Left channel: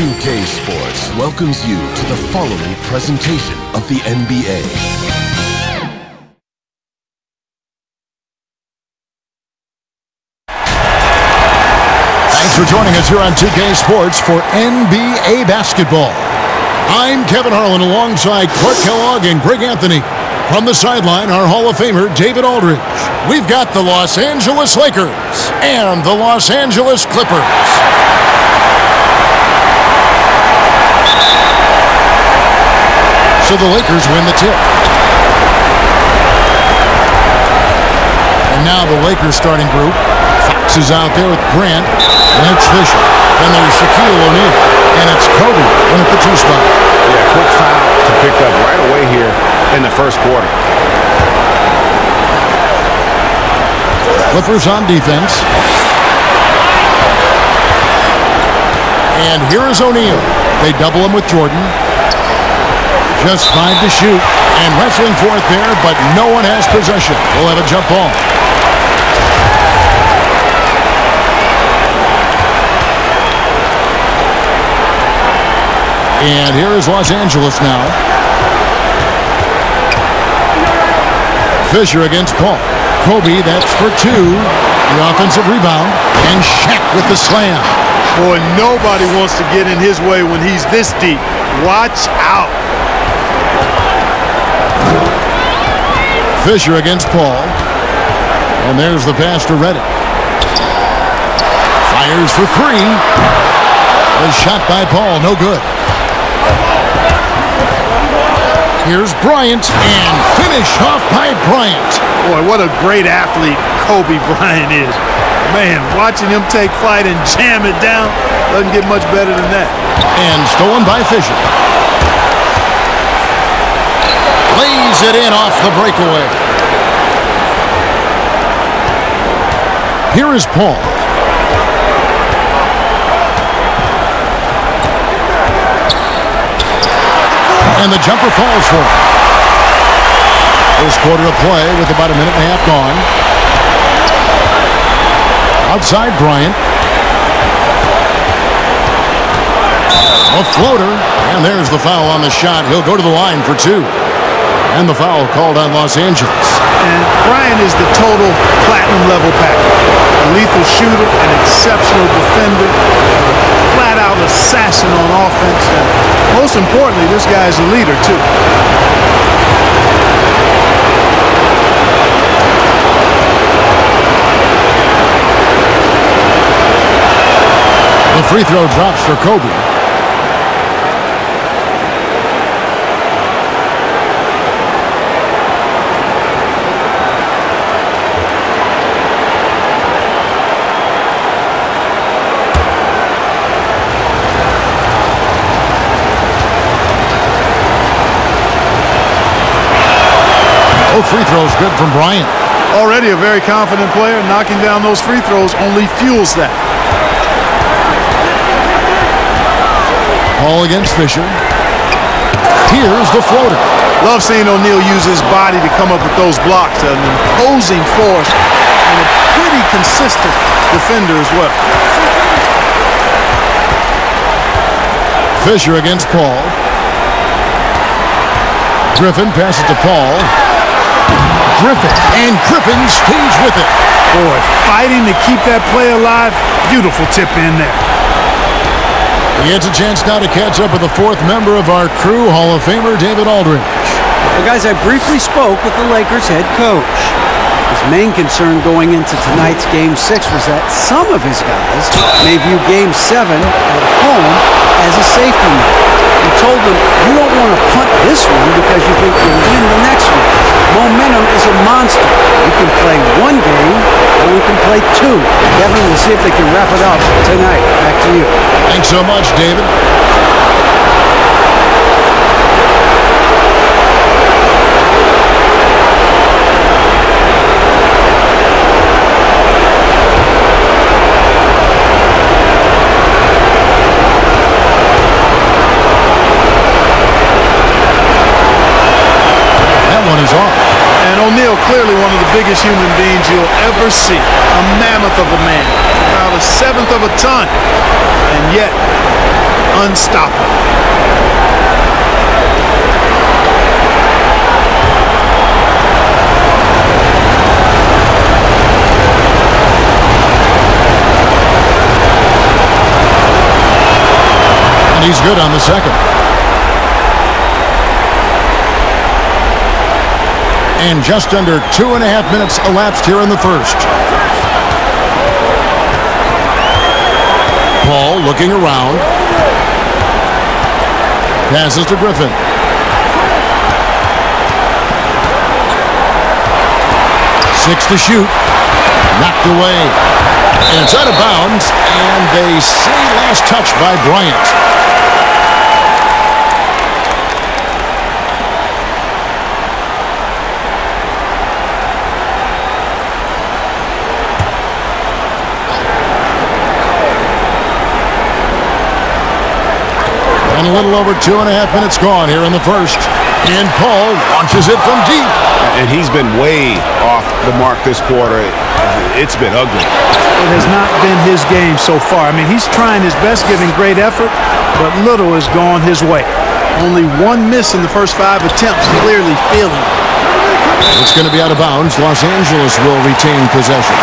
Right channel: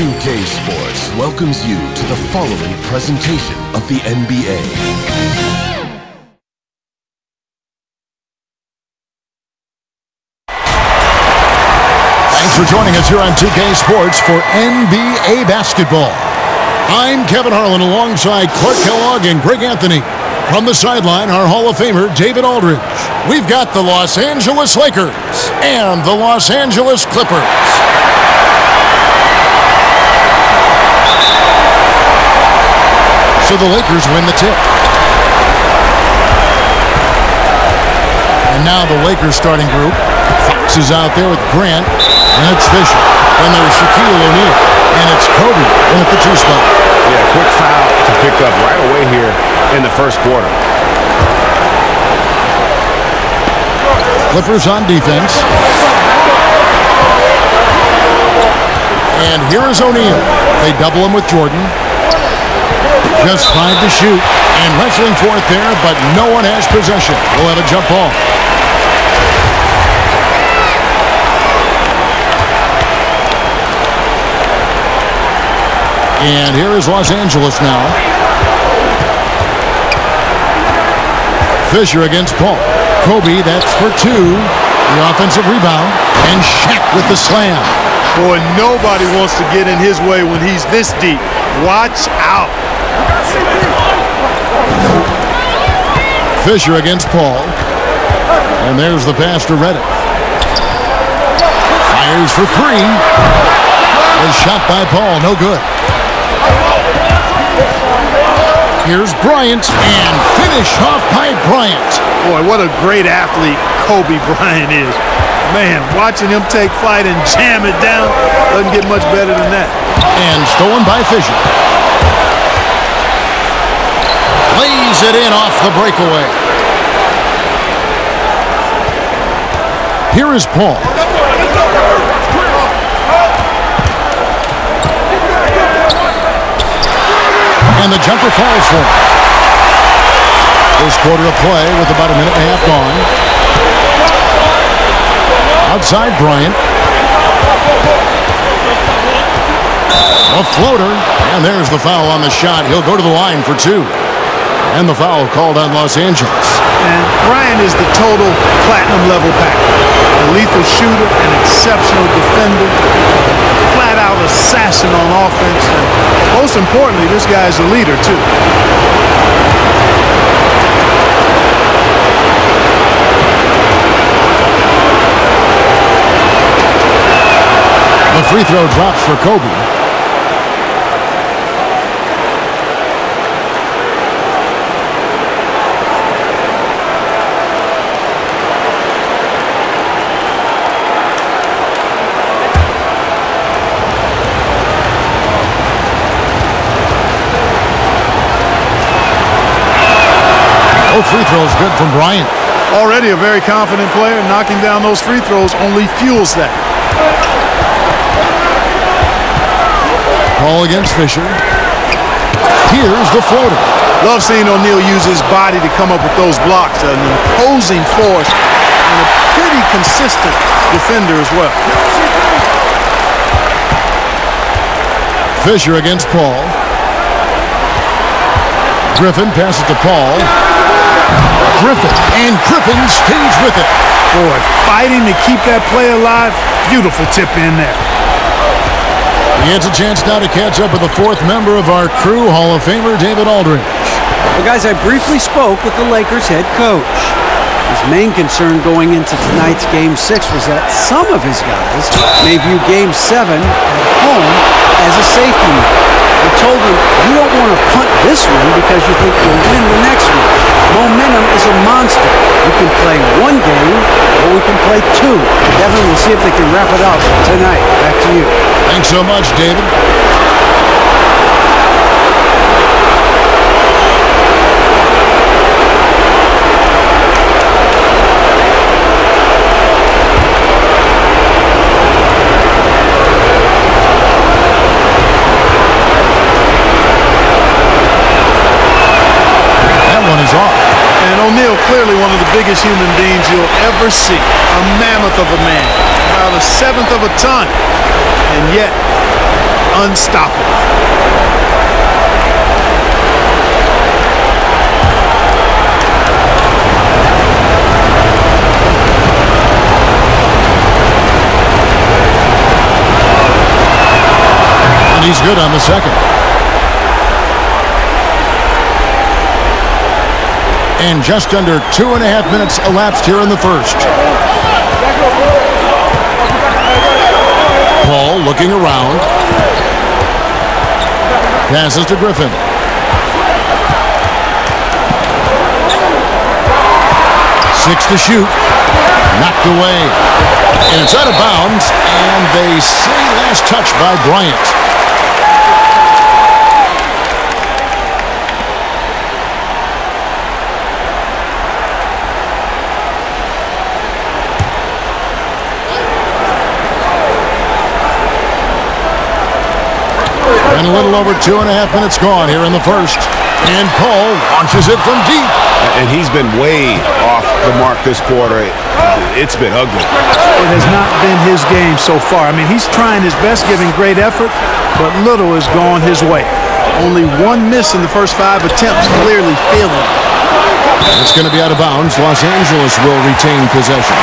S2K Sports welcomes you to the following presentation of the NBA. Thanks for joining us here on 2K Sports for NBA basketball. I'm Kevin Harlan alongside Clark Kellogg and Greg Anthony. From the sideline, our Hall of Famer, David Aldridge. We've got the Los Angeles Lakers and the Los Angeles Clippers. So the Lakers win the tip. And now the Lakers starting group. Fox is out there with Grant, and it's Fisher. Then there's Shaquille O'Neal, and it's Kobe in at the 2 spot. Yeah, quick foul to pick up right away here in the first quarter. Clippers on defense. And here is O'Neal. They double him with Jordan. Just 5 to shoot. And wrestling for it there, but no one has possession. We'll have a jump ball. And here is Los Angeles now. Fisher against Paul. Kobe, that's for 2. The offensive rebound. And Shaq with the slam. Boy, nobody wants to get in his way when he's this deep. Watch out. Fisher against Paul. And there's the pass to Reddick. Fires for 3. The shot by Paul, no good. Here's Bryant, and finish off by Bryant. Boy, what a great athlete Kobe Bryant is. Man, watching him take flight and jam it down doesn't get much better than that. And stolen by Fisher. Lays it in off the breakaway. Here is Paul. And the jumper falls for him. First quarter of play with about a minute and a half gone. Outside Bryant. A floater. And there's the foul on the shot. He'll go to the line for 2. And the foul called on Los Angeles. And Bryant is the total platinum level package. A lethal shooter, an exceptional defender, a flat-out assassin on offense, and most importantly, this guy's a leader too. The free throw drops for Kobe. Both free throws good from Bryant. Already a very confident player. Knocking down those free throws only fuels that. Ball against Fisher. Here's the floater. Love seeing O'Neal use his body to come up with those blocks. An imposing force and a pretty consistent defender as well. Fisher against Paul. Griffin passes to Paul. Griffin, and Griffin stays with it. Boy, fighting to keep that play alive. Beautiful tip in there. He gets a chance now to catch up with the 4th member of our crew, Hall of Famer David Aldridge. Well, guys, I briefly spoke with the Lakers head coach. His main concern going into tonight's Game 6 was that some of his guys may view Game 7 at home as a safety net. He told them, you don't want to punt this one because you think you'll win the next one. Momentum is a monster. We can play 1 game or we can play 2. Kevin, we'll see if they can wrap it up tonight. Back to you. Thanks so much, David. One is off. And O'Neal, clearly one of the biggest human beings you'll ever see. A mammoth of a man. About 1/7 of a ton. And yet, unstoppable. And he's good on the second. And just under 2.5 minutes elapsed here in the first. Paul looking around. Passes to Griffin. Six to shoot. Knocked away. And it's out of bounds. And they say last touch by Bryant. And a little over 2.5 minutes gone here in the first. And Paul launches it from deep. And he's been way off the mark this quarter. It's been ugly. It has not been his game so far. I mean, he's trying his best, giving great effort, but little has gone his way. Only one miss in the first 5 attempts, clearly feeling it. It's going to be out of bounds. Los Angeles will retain possession.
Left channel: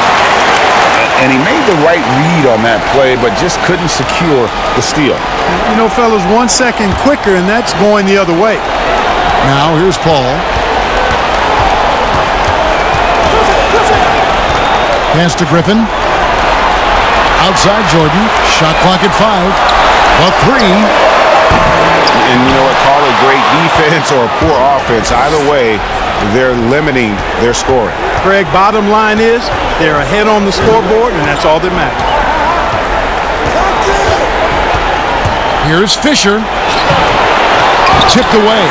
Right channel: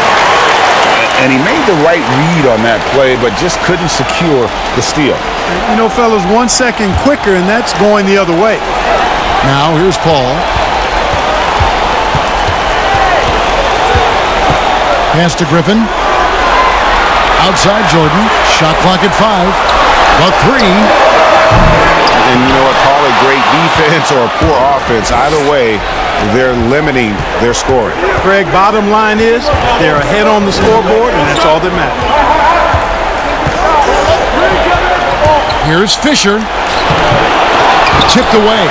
And he made the right read on that play, but just couldn't secure the steal. You know, fellas, 1 second quicker, and that's going the other way. Now here's Paul. Pass to Griffin. Outside Jordan. Shot clock at 5. The three. And you know what? Call it great defense or poor offense. Either way, they're limiting their scoring. Greg, bottom line is they're ahead on the scoreboard, and that's all that matters. Here's Fisher. Tipped away.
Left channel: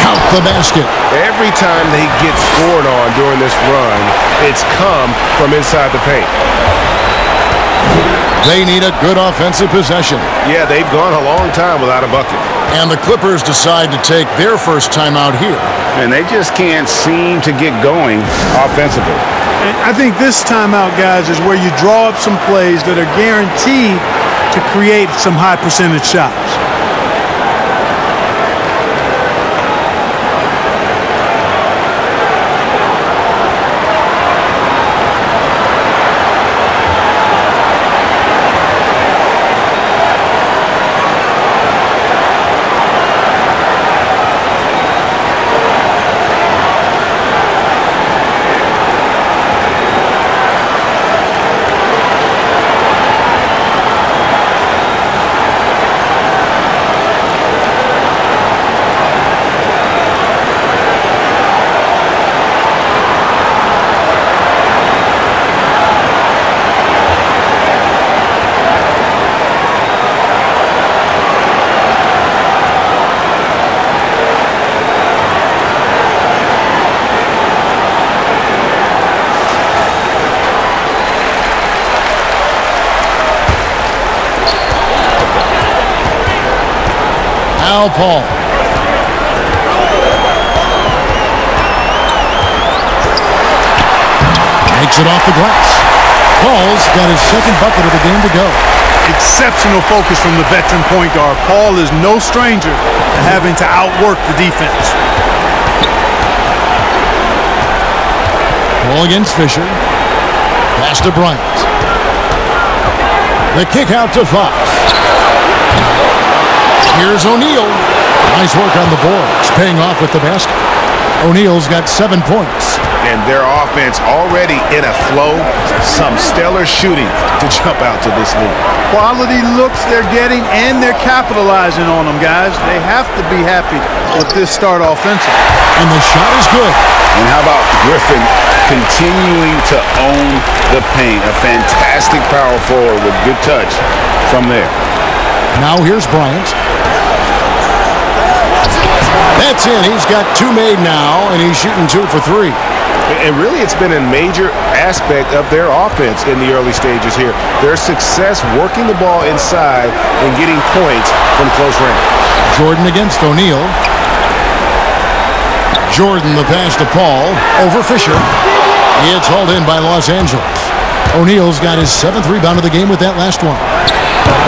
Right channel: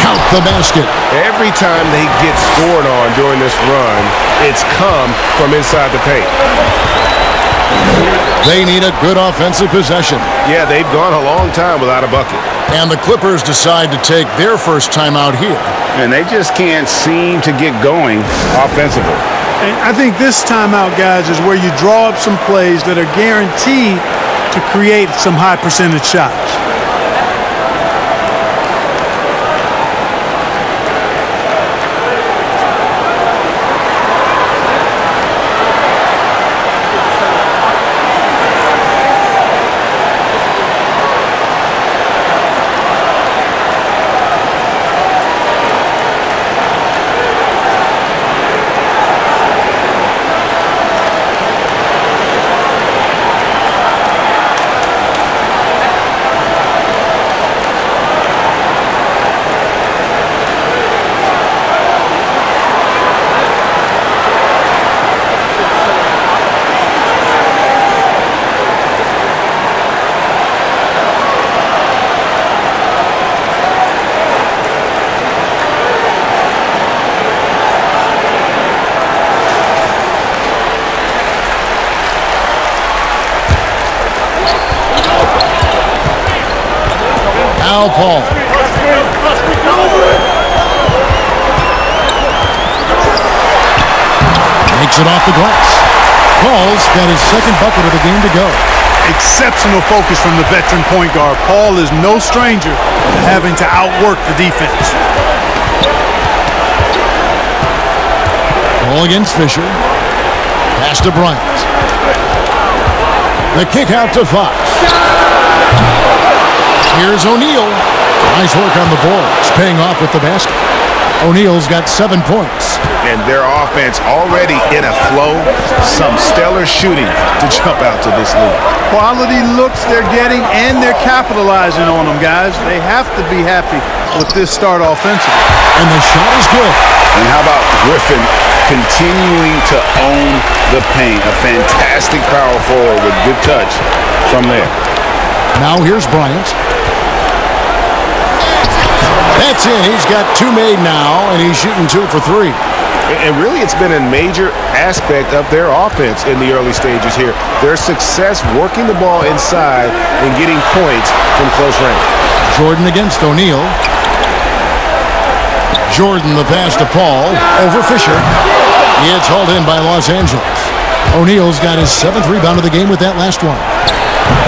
Count the basket. Every time they get scored on during this run, it's come from inside the paint. They need a good offensive possession. Yeah, they've gone a long time without a bucket. And the Clippers decide to take their first timeout here. And they just can't seem to get going offensively. And I think this timeout, guys, is where you draw up some plays that are guaranteed to create some high percentage shots. Now Paul. Makes it off the glass. Paul's got his second bucket of the game to go. Exceptional focus from the veteran point guard. Paul is no stranger to having to outwork the defense. Paul against Fisher. Pass to Bryant. The kick out to Fox. Here's O'Neal. Nice work on the boards, paying off with the basket. O'Neal's got 7 points. And their offense already in a flow. Some stellar shooting to jump out to this lead. Quality looks they're getting, and they're capitalizing on them, guys. They have to be happy with this start offensively. And the shot is good. And how about Griffin continuing to own the paint? A fantastic power forward with good touch from there. Now here's Bryant. That's in. He's got 2 made now, and he's shooting 2 for 3. And really, it's been a major aspect of their offense in the early stages here. Their success working the ball inside and getting points from close range. Jordan against O'Neal. Jordan the pass to Paul. Over Fisher. It's hauled in by Los Angeles. O'Neal's got his 7th rebound of the game with that last one.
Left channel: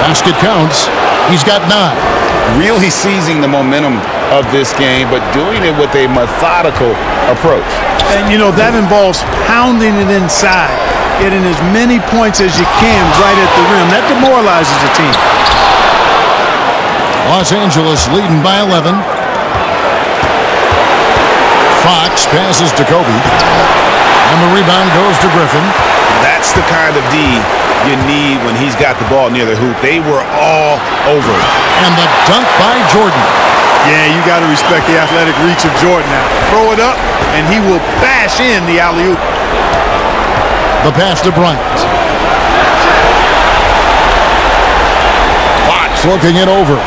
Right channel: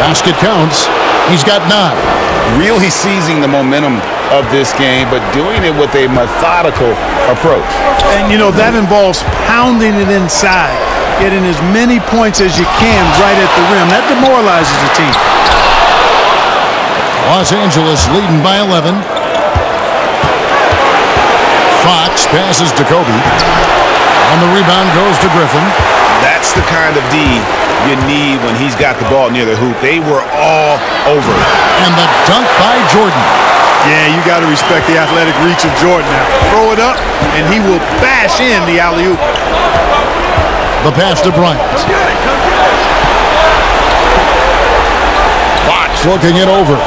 Basket counts. He's got 9. Really seizing the momentum of this game, but doing it with a methodical approach. And, you know, that involves pounding it inside, getting as many points as you can right at the rim. That demoralizes the team. Los Angeles leading by 11. Fox passes to Kobe. And the rebound goes to Griffin. That's the kind of D you need when he's got the ball near the hoop. They were all over it. And the dunk by Jordan. Yeah, you got to respect the athletic reach of Jordan now. Throw it up, and he will bash in the alley-oop. The pass to Bryant. Fox looking it over.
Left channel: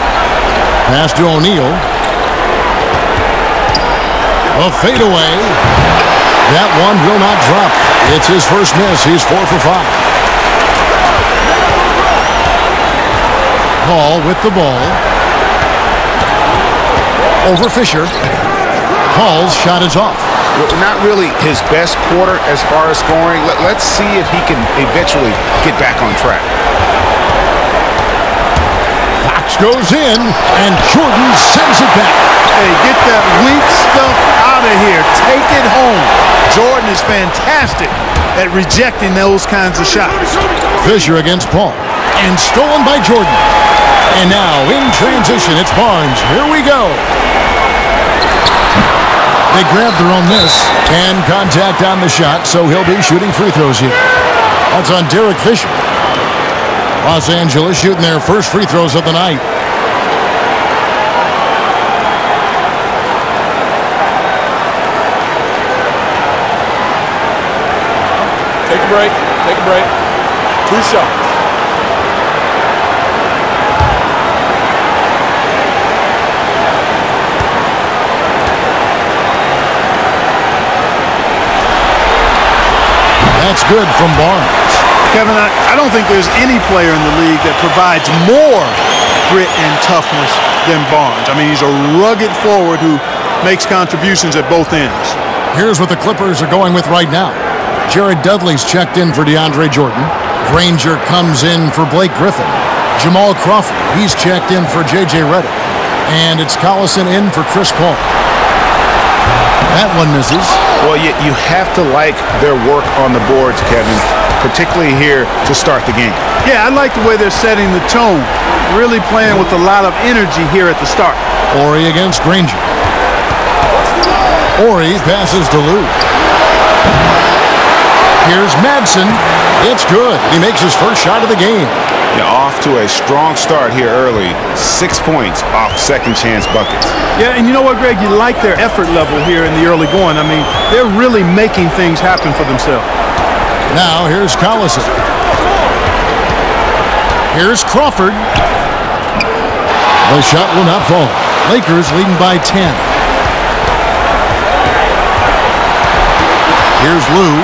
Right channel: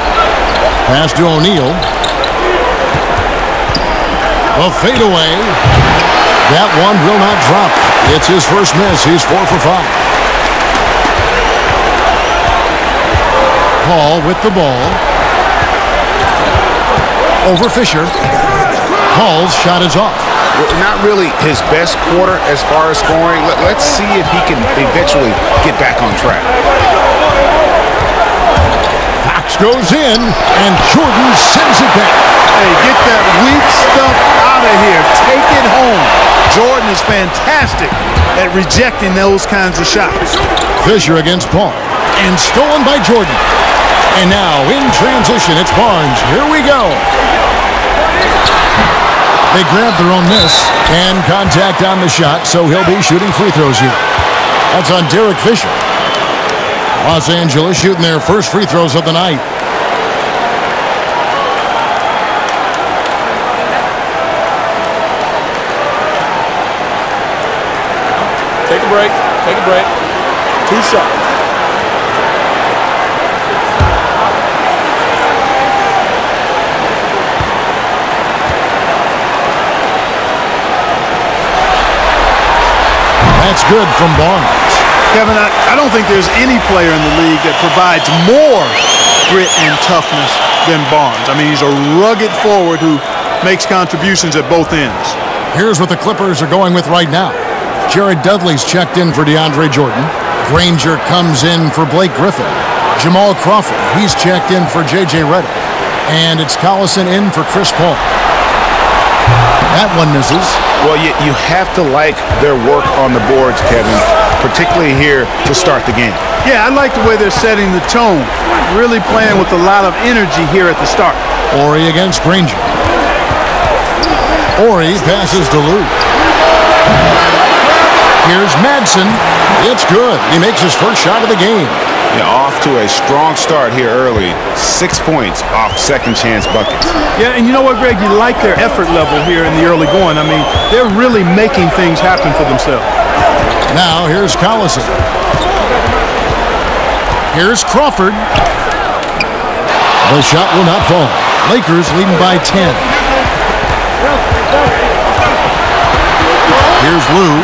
Pass to O'Neal. A fadeaway. That one will not drop. It's his first miss. He's 4 for 5. Paul with the ball. Over Fisher. Paul's shot is off. Not really his best quarter as far as scoring. Let's see if he can eventually get back on track. Fox goes in, and Jordan sends it back. Hey, get that weak stuff out of here. Take it home. Jordan is fantastic at rejecting those kinds of shots. Fisher against Paul, and stolen by Jordan. And now in transition, it's Barnes. Here we go. They grab their own miss and contact on the shot, so he'll be shooting free throws here. That's on Derek Fisher. Los Angeles shooting their first free throws of the night. Take a break. Take a break. 2 shots. That's good from Barnes. Kevin, I don't think there's any player in the league that provides more grit and toughness than Barnes. I mean, he's a rugged forward who makes contributions at both ends. Here's what the Clippers are going with right now. Jared Dudley's checked in for DeAndre Jordan. Granger comes in for Blake Griffin. Jamal Crawford, he's checked in for J.J. Redick. And it's Collison in for Chris Paul. That one misses. Well, you have to like their work on the boards, Kevin, particularly here to start the game. Yeah, I like the way they're setting the tone. Really playing with a lot of energy here at the start. Ori against Granger. Ori passes to Lou. Here's Madsen. It's good. He makes his first shot of the game. Yeah, off to a strong start here early. 6 points off second chance buckets. Yeah, and you know what, Greg? You like their effort level here in the early going. I mean, they're really making things happen for themselves. Now here's Collison. Here's Crawford. The shot will not fall. Lakers leading by 10. Here's Lou.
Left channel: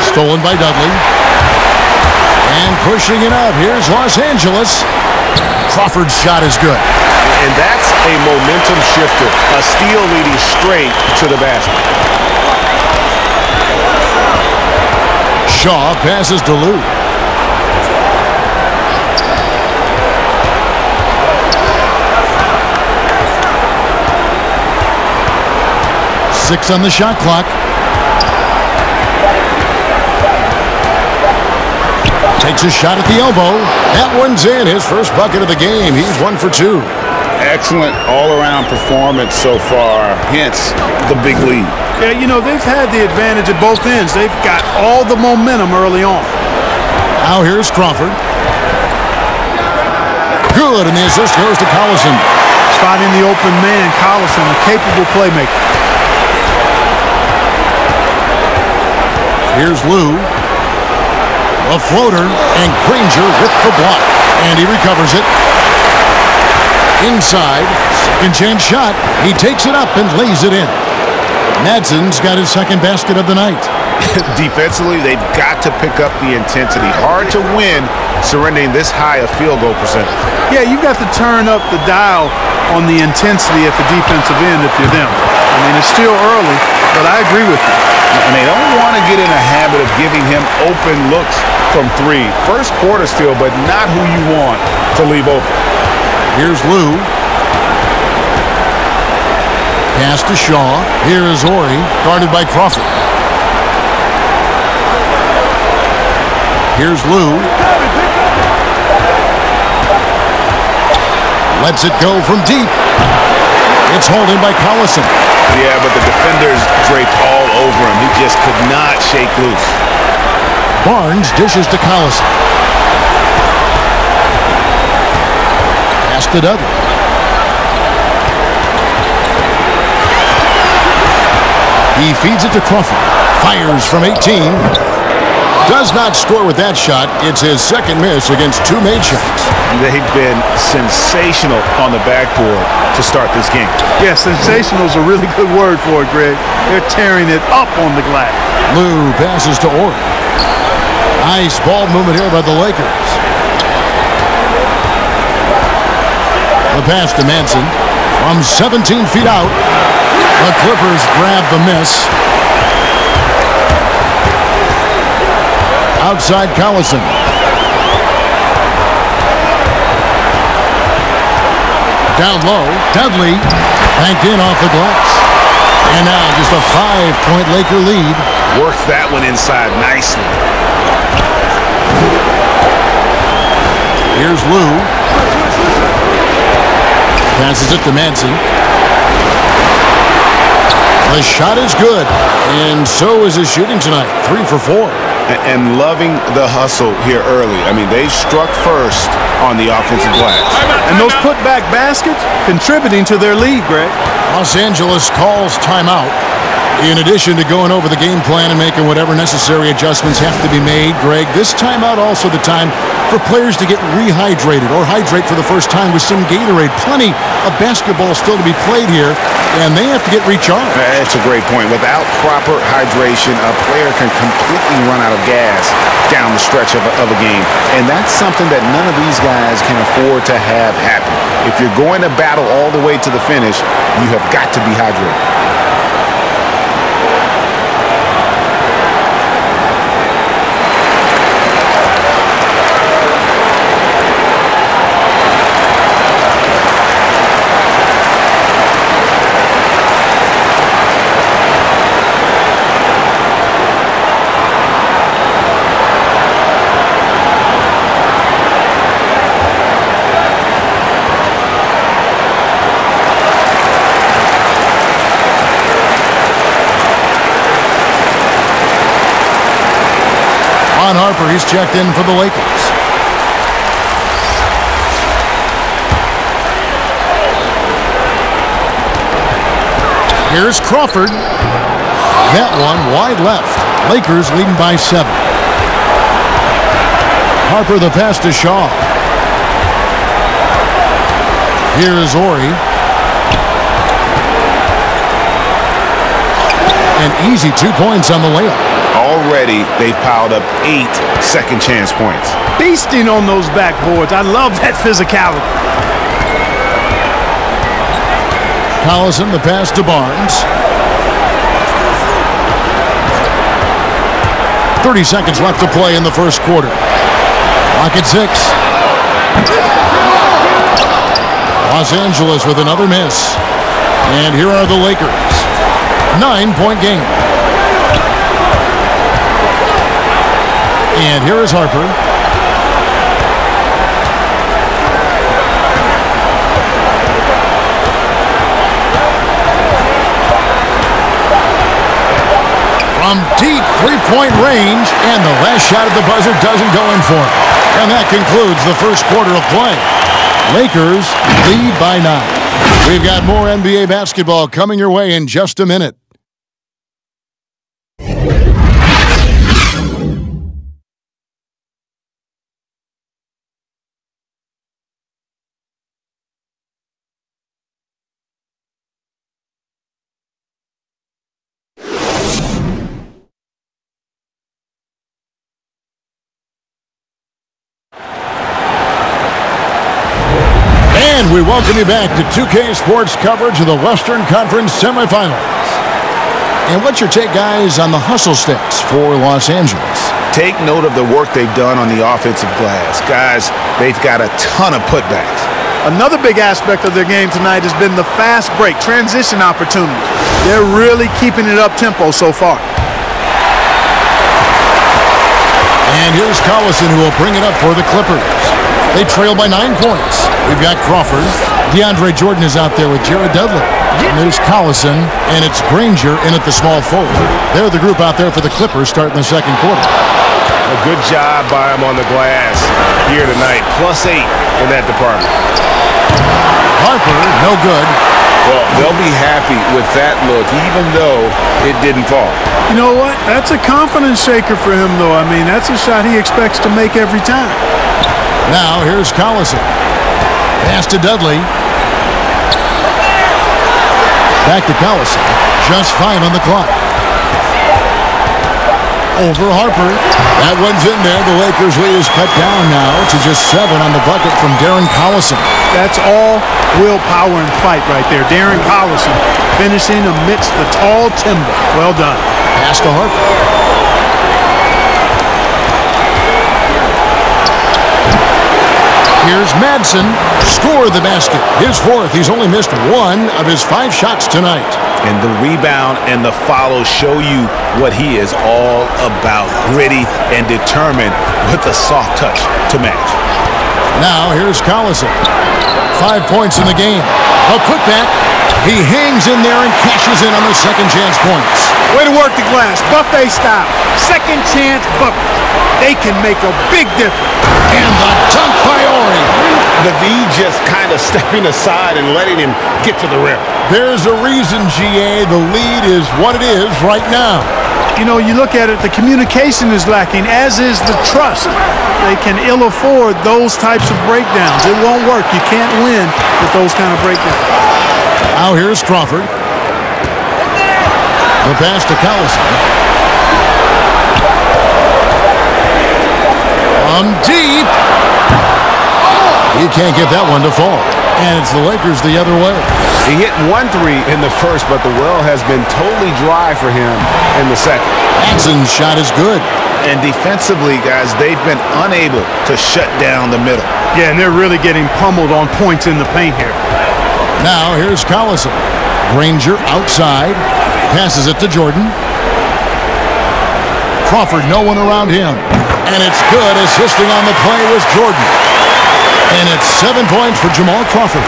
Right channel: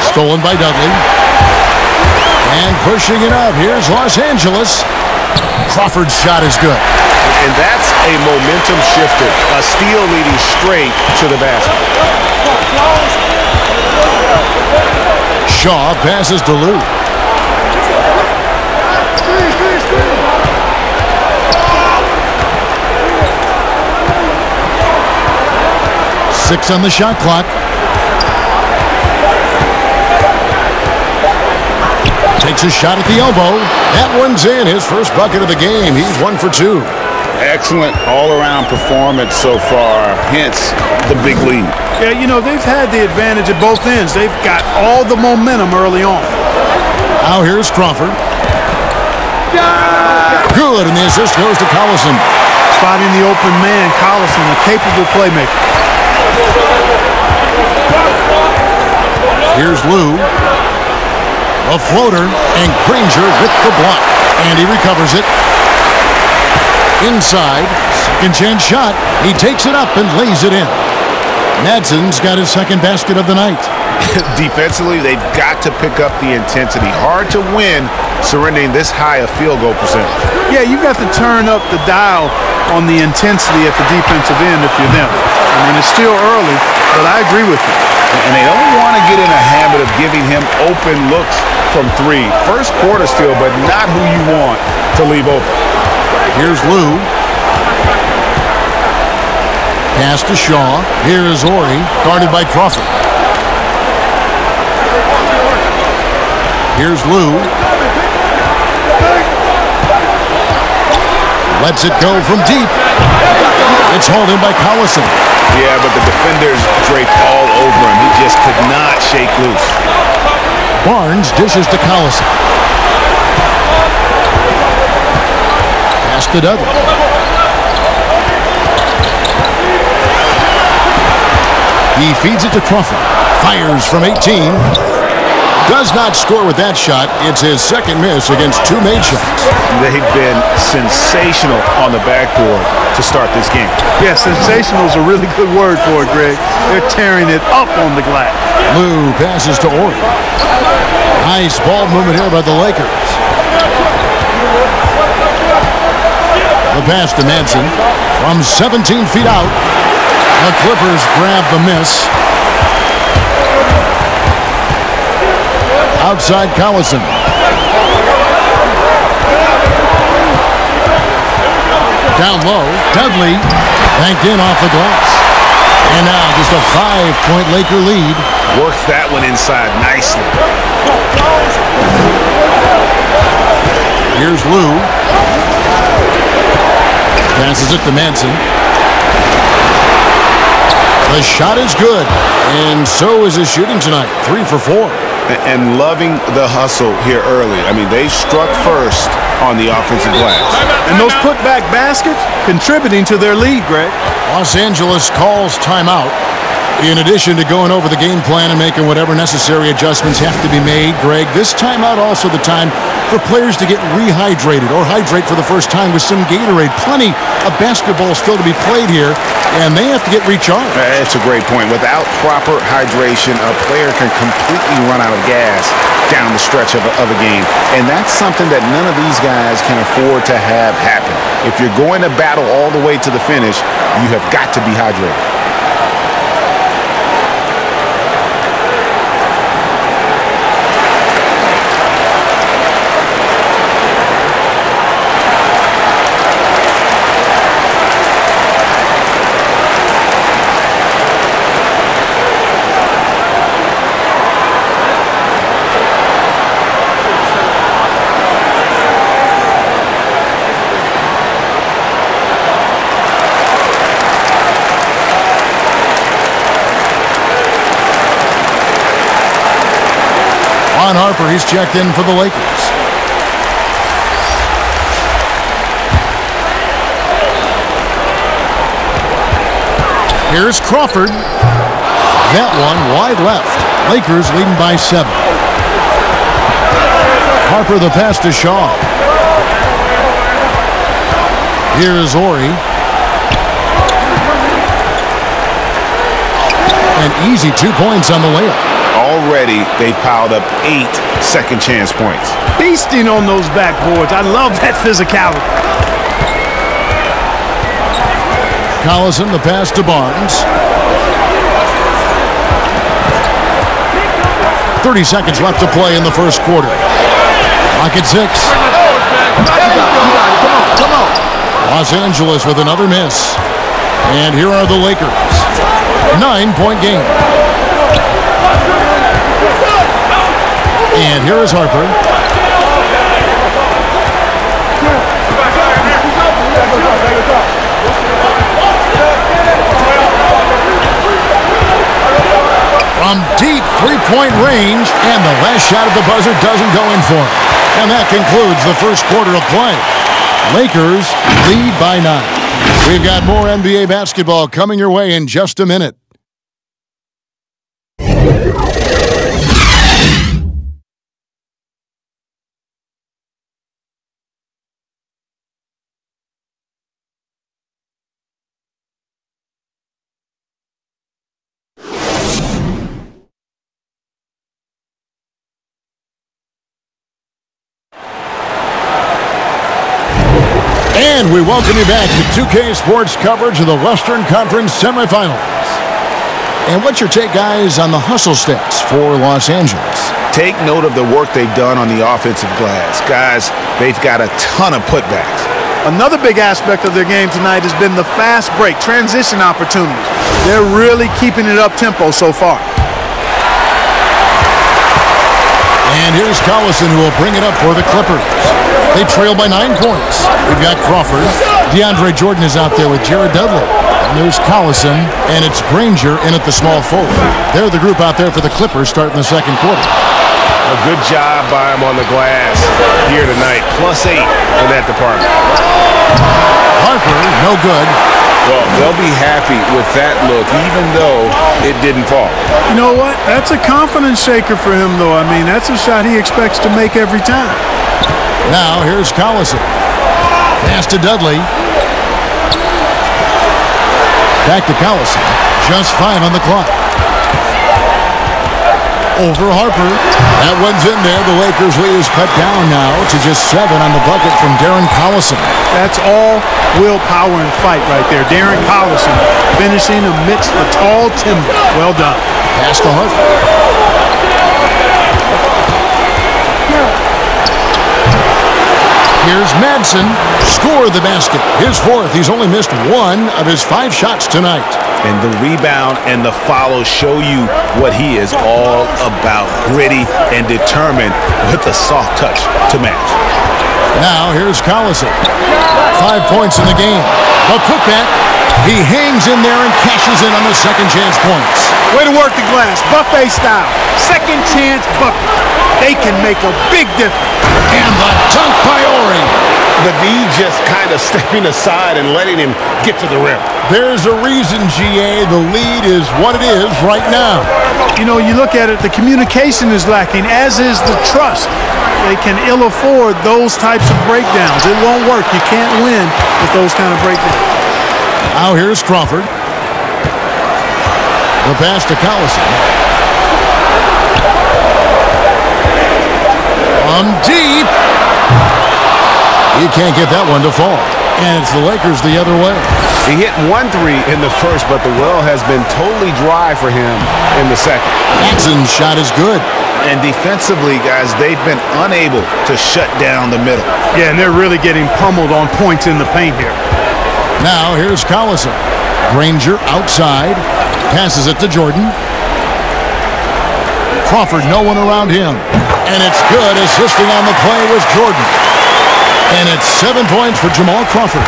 Stolen by Dudley. And pushing it up. Here's Los Angeles. Crawford's shot is good. And that's a momentum shifter. A steal leading straight to the basket. Shaw passes to Lou. Six on the shot clock. Takes a shot at the elbow. That one's in. His first bucket of the game. He's 1 for 2. Excellent all-around performance so far, hence the big lead. Yeah, you know, they've had the advantage at both ends. They've got all the momentum early on. Now here's Crawford. Good, and the assist goes to Collison. Spotting the open man, Collison, a capable playmaker. Here's Lou. A floater, and Granger with the block. And he recovers it. Inside, second chance shot. He takes it up and lays it in. Madsen's got his second basket of the night. Defensively, they've got to pick up the intensity. Hard to win surrendering this high a field goal percentage. Yeah, you've got to turn up the dial on the intensity at the defensive end if you're them. I mean, it's still early, but I agree with you. And they don't want to get in a habit of giving him open looks from three. First quarter still, but not who you want to leave open. Here's Lou. Pass to Shaw. Here is Ori, guarded by Crawford. Here's Lou. Lets it go from deep. It's hauled in by Collison. Yeah, but the defenders draped all over him. He just could not shake loose. Barnes dishes to Collison. Pass to Dudley. He feeds it to Crawford. Fires from 18. Does not score with that shot. It's his second miss against two made shots. They've been sensational on the backboard to start this game. Yeah, sensational is a really good word for it, Greg. They're tearing it up on the glass. Lou passes to Ori. Nice ball movement here by the Lakers. The pass to Manson from 17 feet out. The Clippers grab the miss. Outside Collison. Down low, Dudley banked in off the glass. And now just a 5-point Laker lead. Works that one inside nicely. Here's Lou. Passes it to Manson. The shot is good, and so is his shooting tonight. 3 for 4. And loving the hustle here early. I mean, they struck first on the offensive glass. And those putback baskets contributing to their lead, Greg. Los Angeles calls timeout. In addition to going over the game plan and making whatever necessary adjustments have to be made, Greg, this timeout also the time for players to get rehydrated or hydrate for the first time with some Gatorade. Plenty of basketball still to be played here, and they have to get recharged. That's a great point. Without proper hydration, a player can completely run out of gas down the stretch of a game. And that's something that none of these guys can afford to have happen. If you're going to battle all the way to the finish, you have got to be hydrated. Ron Harper, he's checked in for the Lakers. Here's Crawford. That one wide left. Lakers leading by 7. Harper the pass to Shaw. Here is Ori. An easy 2 points on the layup. Already, they've piled up 8 second chance points. Feasting on those backboards. I love that physicality. Collison, the pass to Barnes. 30 seconds left to play in the first quarter. Clock at 6. Los Angeles with another miss. And here are the Lakers. 9-point game. And here is Harper. From deep three-point range, and the last shot at the buzzer doesn't go in for him. And that concludes the first quarter of play. Lakers lead by 9. We've got more NBA basketball coming your way in just a minute. And we welcome you back to 2K Sports coverage of the Western Conference semifinals. And what's your take, guys, on the hustle stats for Los Angeles? Take note of the work they've done on the offensive glass. Guys, they've got a ton of putbacks. Another big aspect of their game tonight has been the fast break, transition opportunities. They're really keeping it up-tempo so far. And here's Collison, who will bring it up for the Clippers. They trail by 9 points. We've got Crawford. DeAndre Jordan is out there with Jared Dudley. And there's Collison, and it's Granger in at the small forward. They're the group out there for the Clippers starting the second quarter. A good job by him on the glass here tonight. +8 in that department. Harper, no good. Well, they'll be happy with that look, even though it didn't fall. You know what? That's a confidence shaker for him, though. I mean, that's a shot he expects to make every time. Now here's Collison. Pass to Dudley. Back to Collison. Just 5 on the clock. Over Harper. That one's in there. The Lakers lead is cut down now to just 7 on the bucket from Darren Collison. That's all willpower and fight right there. Darren Collison finishing amidst the tall timber. Well done. Pass to Harper. Here's Madsen. Score the basket. His 4th. He's only missed 1 of his 5 shots tonight. And the rebound and the follow show you what he is all about. Gritty and determined with a soft touch to match. Now here's Collison. 5 points in the game. The putback. He hangs in there and cashes in on the second chance points. Way to work the glass. Buffet style. Second chance bucket. They can make a big difference. And the dunk by Ori. The D just kind of stepping aside and letting him get to the rim. There's a reason, GA, the lead is what it is right now. You know, you look at it, the communication is lacking, as is the trust. They can ill afford those types of breakdowns. It won't work. You can't win with those kind of breakdowns. Now here's Crawford. The pass to Collison. From deep. He can't get that one to fall. And it's the Lakers the other way. He hit 1 3 in the first, but the well has been totally dry for him in the second. Madsen's shot is good. And defensively, guys, they've been unable to shut down the middle. Yeah, and they're really getting pummeled on points in the paint here. Now here's Collison. Granger outside. Passes it to Jordan. Crawford, no one around him. And it's good. Assisting on the play was Jordan. And it's 7 points for Jamal Crawford.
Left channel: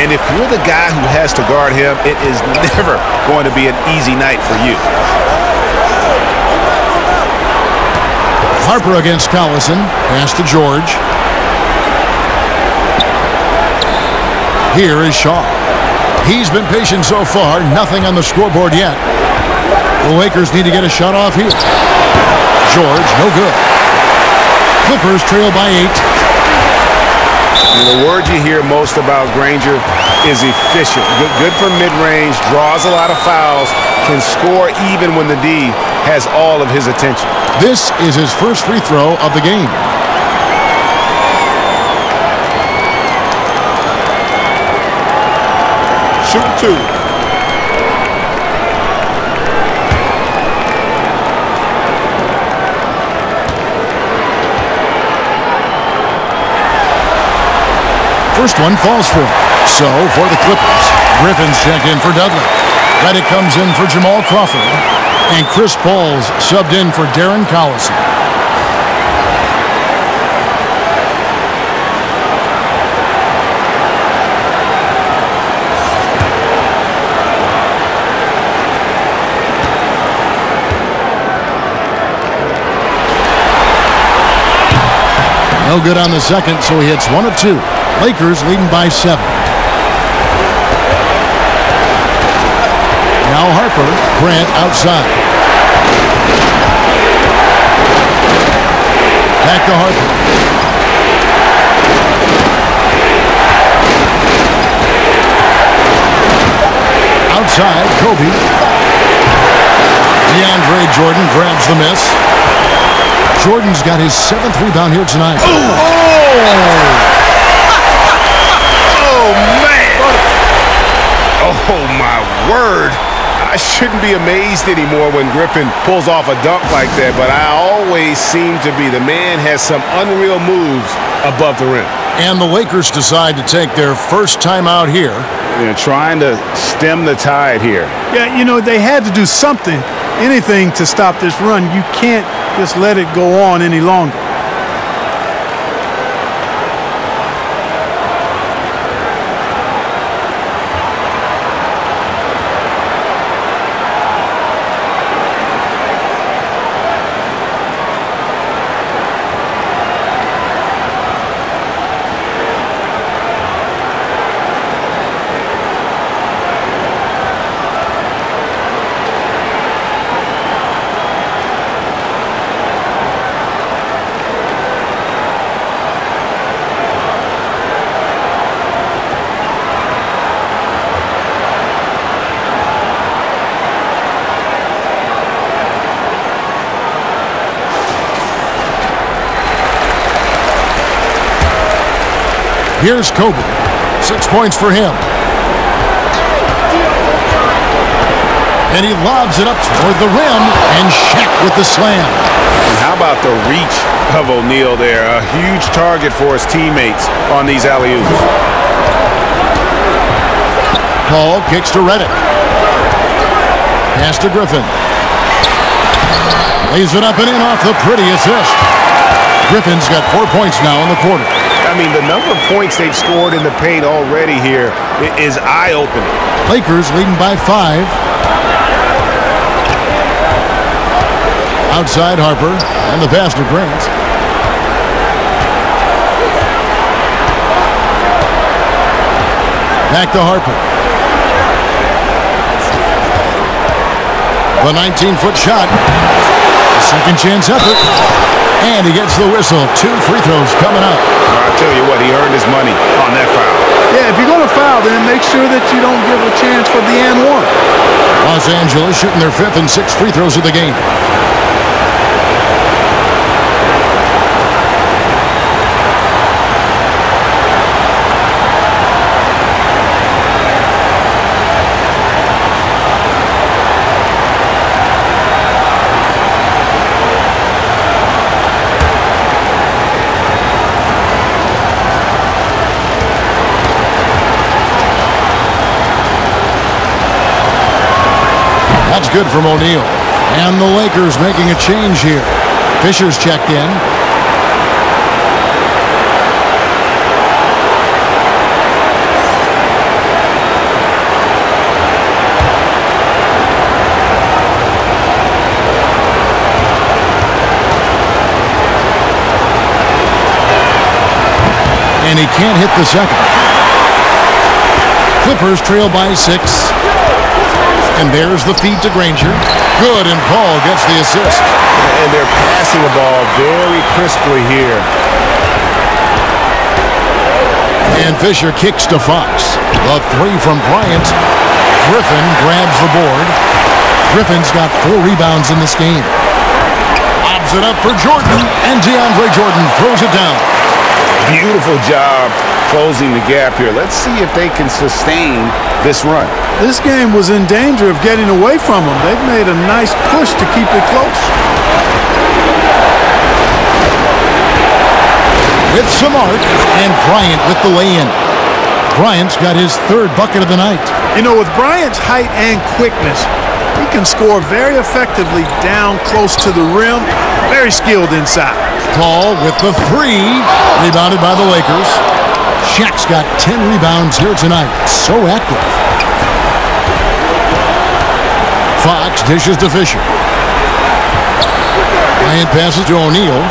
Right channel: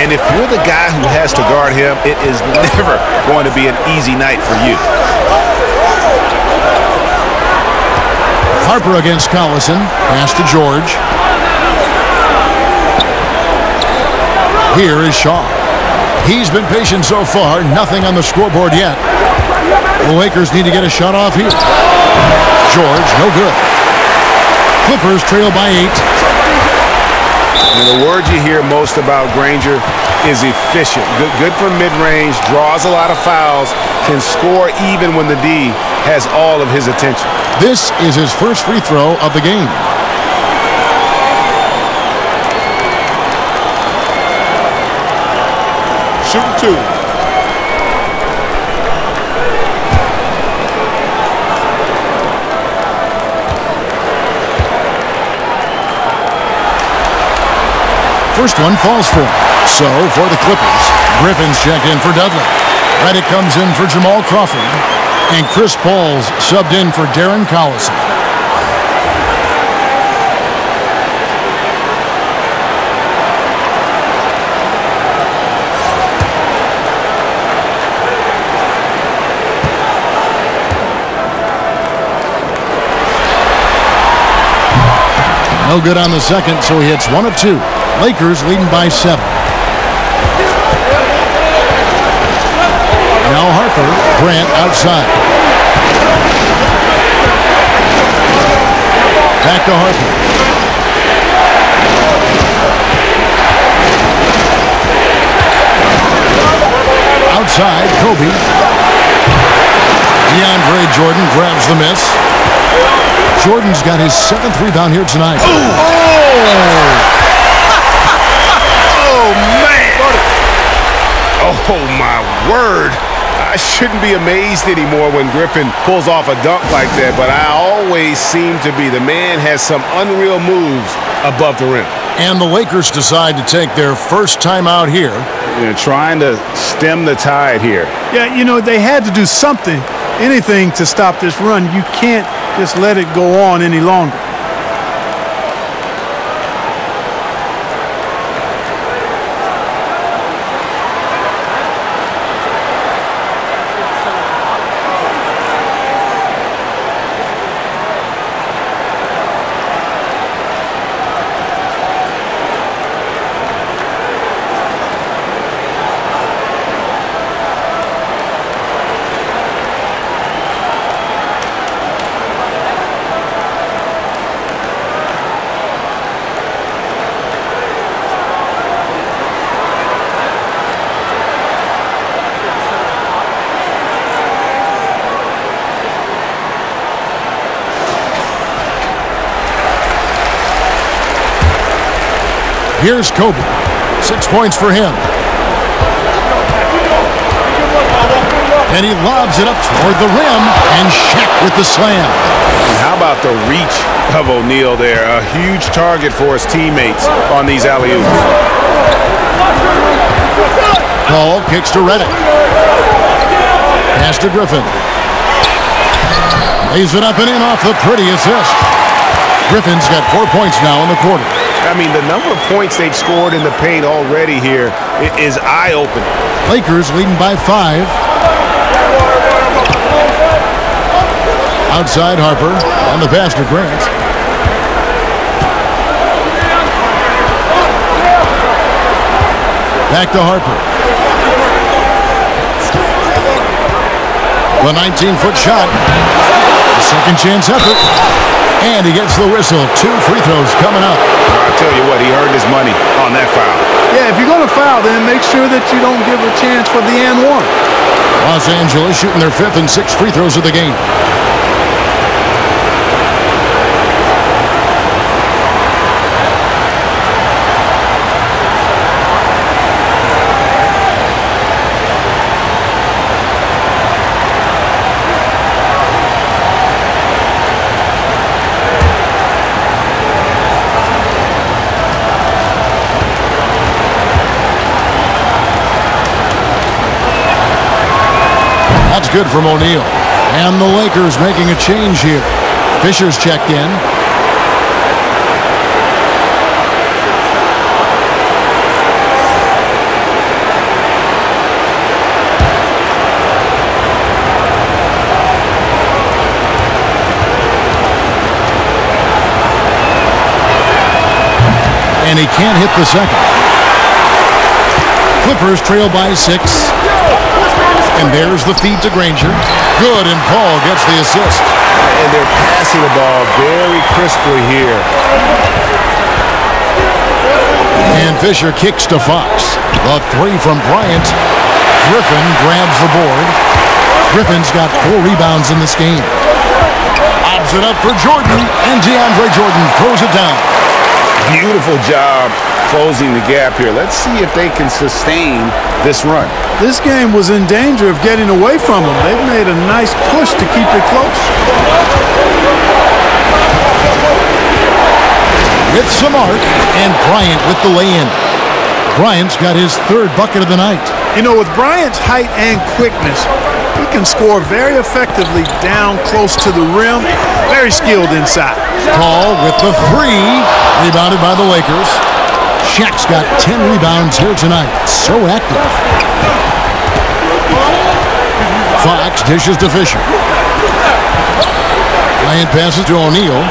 And if you're the guy who has to guard him, it is never going to be an easy night for you. Harper against Collison. Pass to George. Here is Shaw. He's been patient so far. Nothing on the scoreboard yet. The Lakers need to get a shot off here. George, no good. Clippers trail by 8. And the word you hear most about Granger is efficient. Good from mid-range, draws a lot of fouls, can score even when the D has all of his attention. This is his first free throw of the game. Shooting 2. First one falls for him. So, for the Clippers, Griffin's checked in for Dudley. Reddick comes in for Jamal Crawford. And Chris Paul's subbed in for Darren Collison. No good on the second, so he hits 1 of 2. Lakers leading by 7. Now Harper, Grant outside. Back to Harper. Outside, Kobe. DeAndre Jordan grabs the miss. Jordan's got his 7th rebound here tonight. Oh, man. Oh, my word. I shouldn't be amazed anymore when Griffin pulls off a dunk like that, but I always seem to be. The man has some unreal moves above the rim. And the Lakers decide to take their first time out here. Trying to stem the tide here. Yeah, you know, they had to do something, anything to stop this run. You can't just let it go on any longer. Here's Kobe. 6 points for him. And he lobs it up toward the rim, and Shaq with the slam. And how about the reach of O'Neal there? A huge target for his teammates on these alley-oops. Paul kicks to Reddick. Pass to Griffin. Lays it up and in off the pretty assist. Griffin's got 4 points now in the quarter. I mean, the number of points they've scored in the paint already here is eye-opening. Lakers leading by 5. Outside Harper, and the pass to Grant. Back to Harper. The 19-foot shot. A second chance effort. And he gets the whistle. 2 free throws coming up. I'll tell you what, he earned his money on that foul. Yeah, if you're going to foul, then make sure that you don't give a chance for the and one. Los Angeles shooting their 5th and 6th free throws of the game. That's good from O'Neal. And the Lakers making a change here. Fisher's checked in. And he can't hit the second. Clippers trail by 6. And there's the feed to Granger. Good, and Paul gets the assist. And they're passing the ball very crisply here. And Fisher kicks to Fox. The 3 from Bryant. Griffin grabs the board. Griffin's got 4 rebounds in this game. Lobs it up for Jordan, and DeAndre Jordan throws it down. Beautiful job closing the gap here. Let's see if they can sustain this run. This game was in danger of getting away from them. They've made a nice push to keep it close. With some arc, and Bryant with the lay-in. Bryant's got his 3rd bucket of the night. You know, with Bryant's height and quickness, he can score very effectively down close to the rim. Very skilled inside. Paul with the 3, rebounded by the Lakers. Shaq's got 10 rebounds here tonight. So active. Fox dishes to Fisher. Bryant passes to O'Neal.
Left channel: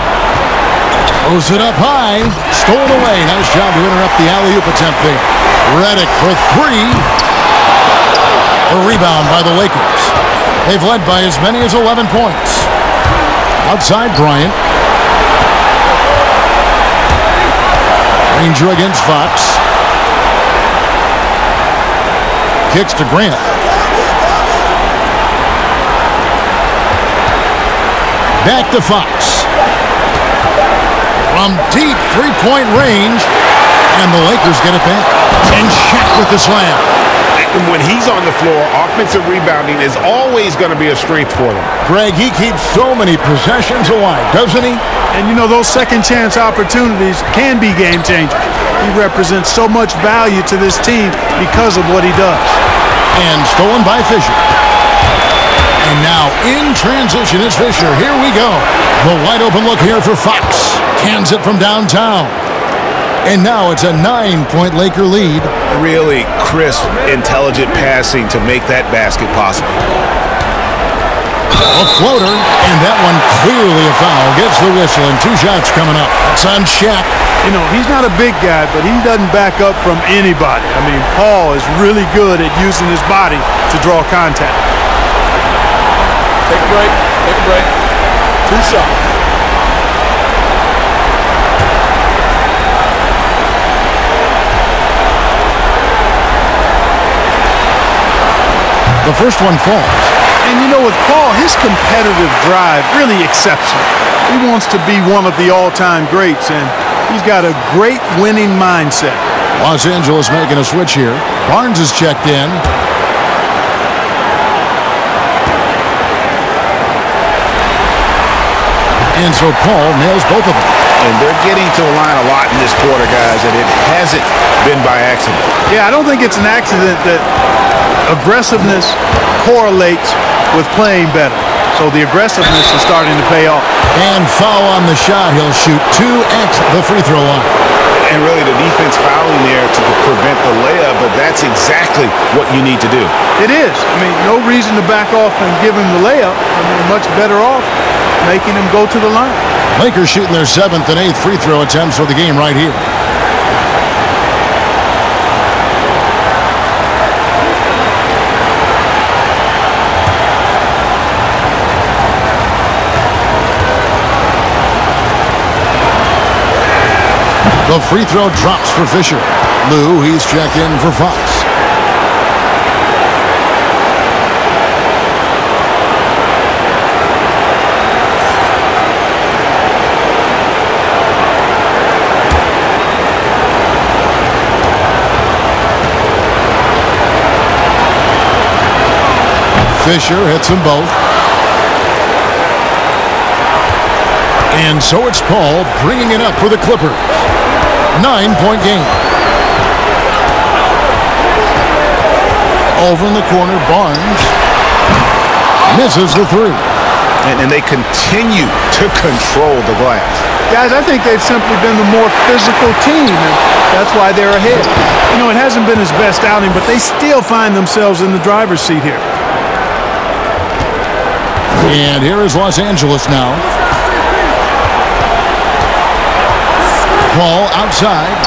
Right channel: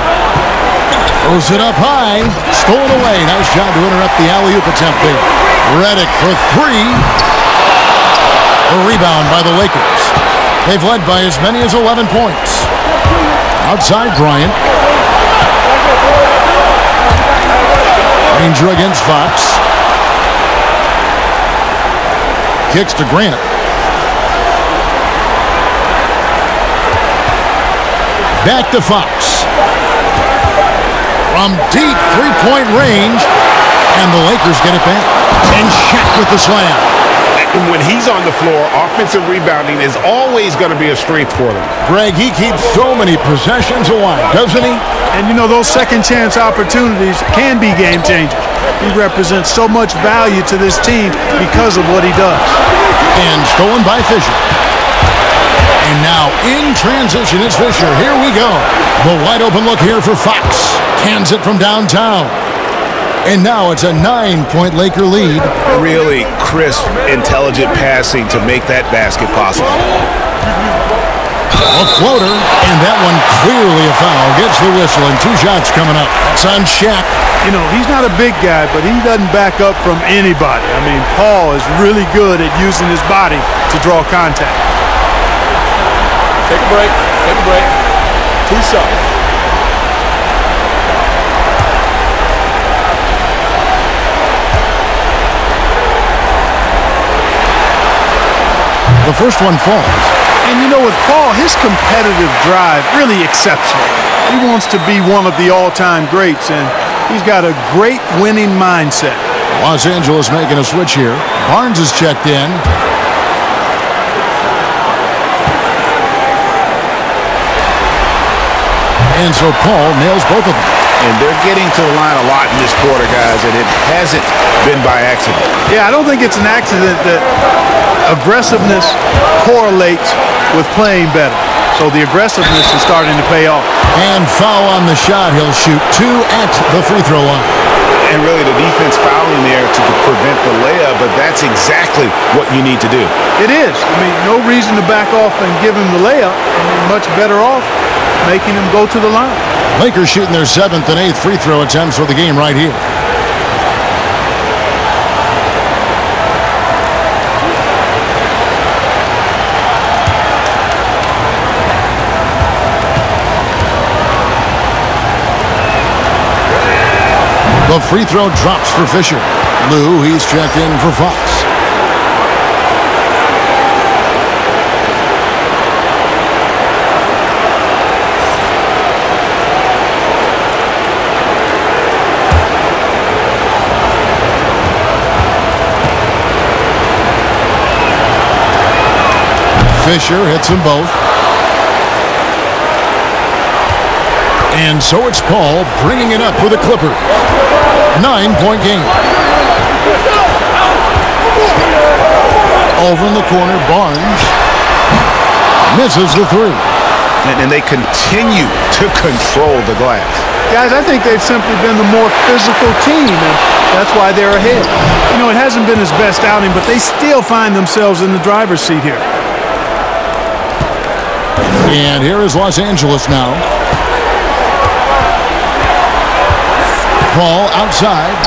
Throws it up high. Stolen away. Nice job to interrupt the alley-oop attempt there. Reddick for 3. A rebound by the Lakers. They've led by as many as 11 points. Outside Bryant. Granger against Fox. Kicks to Grant. Back to Fox. From deep 3-point range. And the Lakers get it back. And Shaq with the slam. And when he's on the floor, offensive rebounding is always going to be a strength for them. Greg, he keeps so many possessions alive, doesn't he? And, you know, those second-chance opportunities can be game changers. He represents so much value to this team because of what he does. And stolen by Fisher. And now in transition is Fisher. Here we go. The wide open look here for Fox. Cans it from downtown. And now it's a 9-point Laker lead. Really crisp, intelligent passing to make that basket possible. A floater, and that one clearly a foul. Gets the whistle, and 2 shots coming up. That's on Shaq. You know, he's not a big guy, but he doesn't back up from anybody. I mean, Paul is really good at using his body to draw contact. Take a break. Take a break. 2 shots. The first one falls. And you know, with Paul, his competitive drive really exceptional. He wants to be one of the all-time greats, and he's got a great winning mindset. Los Angeles making a switch here. Barnes is checked in. And so Paul nails both of them. And they're getting to the line a lot in this quarter, guys, and it hasn't been by accident. Yeah, I don't think it's an accident that aggressiveness correlates with playing better. So the aggressiveness is starting to pay off. And foul on the shot. He'll shoot 2 at the free throw line. And really the defense fouling there to prevent the layup, but that's exactly what you need to do. It is. I mean, no reason to back off and give him the layup. I mean, much better off making him go to the line. Lakers shooting their 7th and 8th free throw attempts for the game right here. The free throw drops for Fisher. Lou, he's checked in for Fox. Fisher hits them both. And so it's Paul bringing it up for the Clippers. 9-point game. Over in the corner, Barnes misses the 3. And they continue to control the glass. Guys, I think they've simply been the more physical team, and that's why they're ahead. You know, it hasn't been his best outing, but they still find themselves in the driver's seat here. And here is Los Angeles now. Paul outside.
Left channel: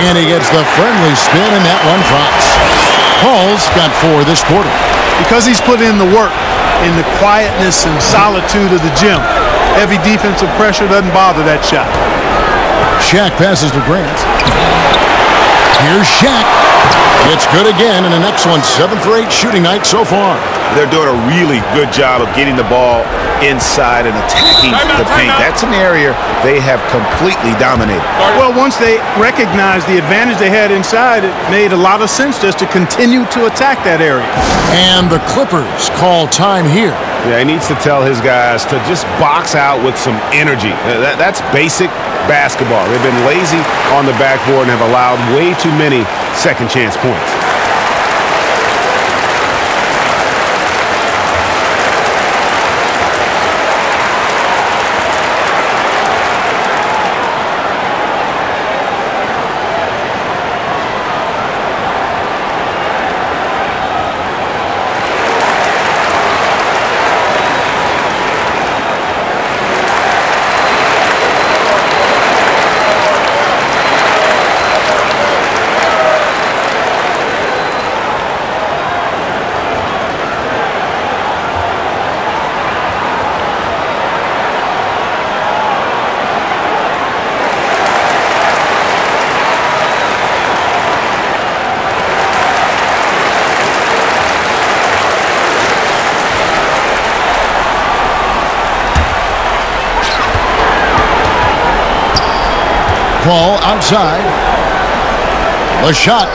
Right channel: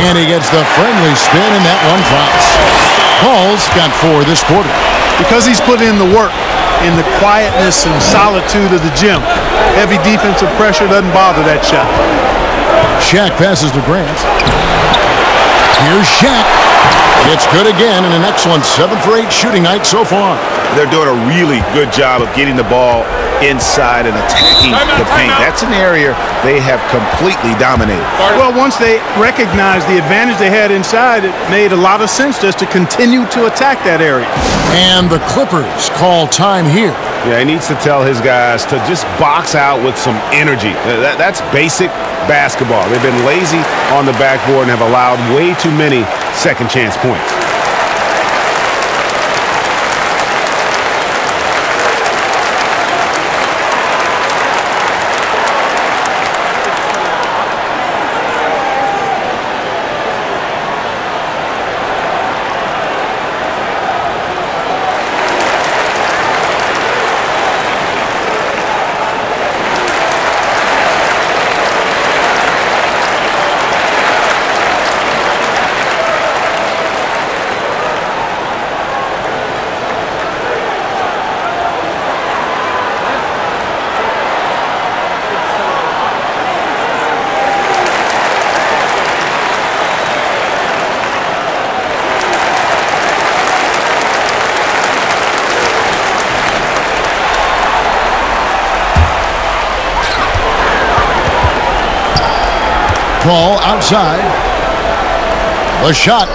And he gets the friendly spin, and that one drops. Paul's got 4 this quarter. Because he's put in the work, in the quietness and solitude of the gym, heavy defensive pressure doesn't bother that shot. Shaq passes to Grant. Here's Shaq. It's good again, and an excellent 7 for 8 shooting night so far. They're doing a really good job of getting the ball inside and attacking the paint. That's an area they have completely dominated. Well, once they recognized the advantage they had inside, it made a lot of sense just to continue to attack that area. And the Clippers call time here. Yeah, he needs to tell his guys to just box out with some energy. That's basic basketball. They've been lazy on the backboard and have allowed way too many second chance points. Paul outside. The shot.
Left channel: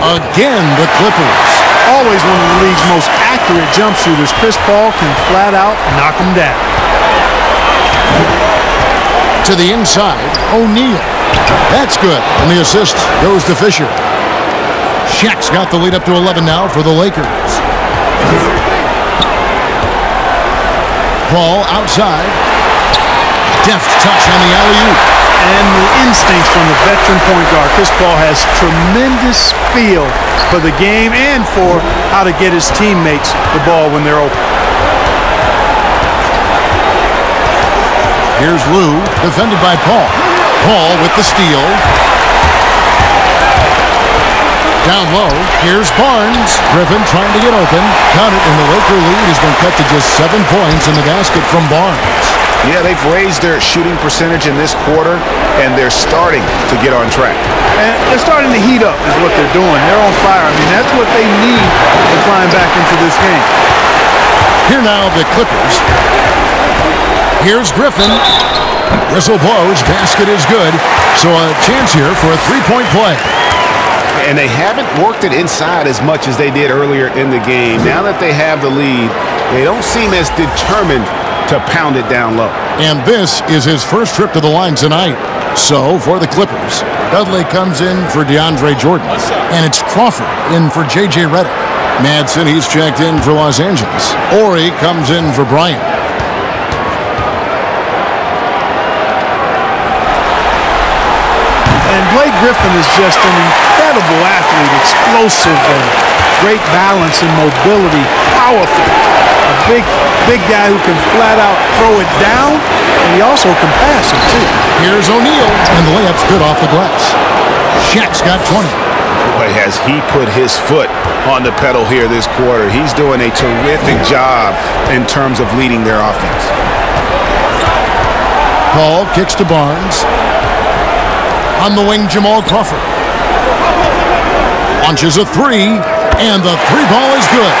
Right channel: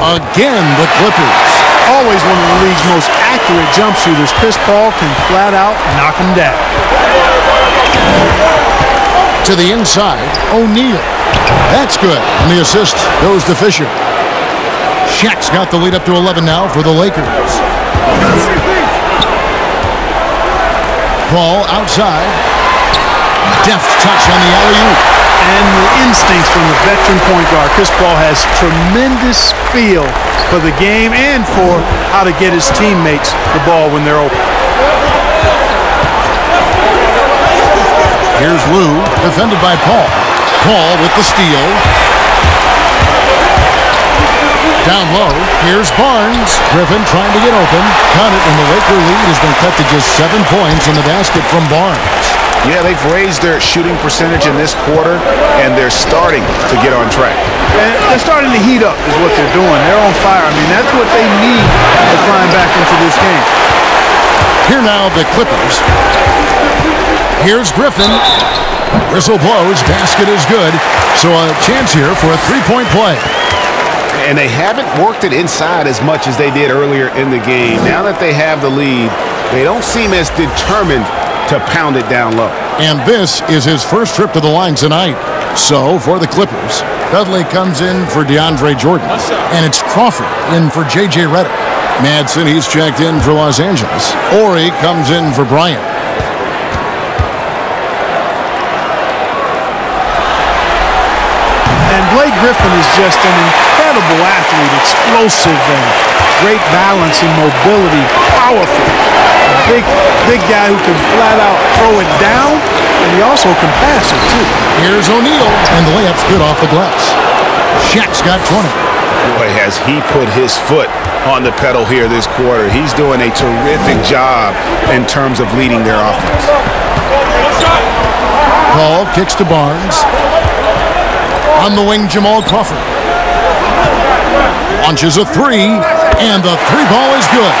Again, the Clippers. Always one of the league's most accurate jump shooters. Chris Paul can flat out knock him down. To the inside, O'Neal. That's good. And the assist goes to Fisher. Shaq's got the lead up to 11 now for the Lakers. Paul outside. Deft touch on the alley-oop. And the instincts from the veteran point guard. Chris Paul has tremendous feel for the game and for how to get his teammates the ball when they're open. Here's Lou, defended by Paul. Paul with the steal. Down low, here's Barnes. Griffin trying to get open. Count it, and the Laker lead has been cut to just 7 points in the basket from Barnes. Yeah, they've raised their shooting percentage in this quarter, and they're starting to get on track. And they're starting to heat up is what they're doing. They're on fire. I mean, that's what they need to climb back into this game. Here now, the Clippers. Here's Griffin. Whistle blows. Basket is good. So a chance here for a three-point play. And they haven't worked it inside as much as they did earlier in the game. Now that they have the lead, they don't seem as determined to pound it down low. And this is his first trip to the line tonight. So for the Clippers, Dudley comes in for DeAndre Jordan. And it's Crawford in for J.J. Redick. Madsen, he's checked in for Los Angeles. Ori comes in for Bryant. And Blake Griffin is just an incredible athlete, explosive and great balance and mobility, powerful. A big guy who can flat out throw it down, and he also can pass it too. Here's O'Neal, and the layup's good off the glass. Shaq's got 20. Boy, has he put his foot on the pedal here this quarter. He's doing a terrific job in terms of leading their offense. Paul kicks to Barnes. On the wing, Jamal Crawford. Launches a three, and the three ball is good.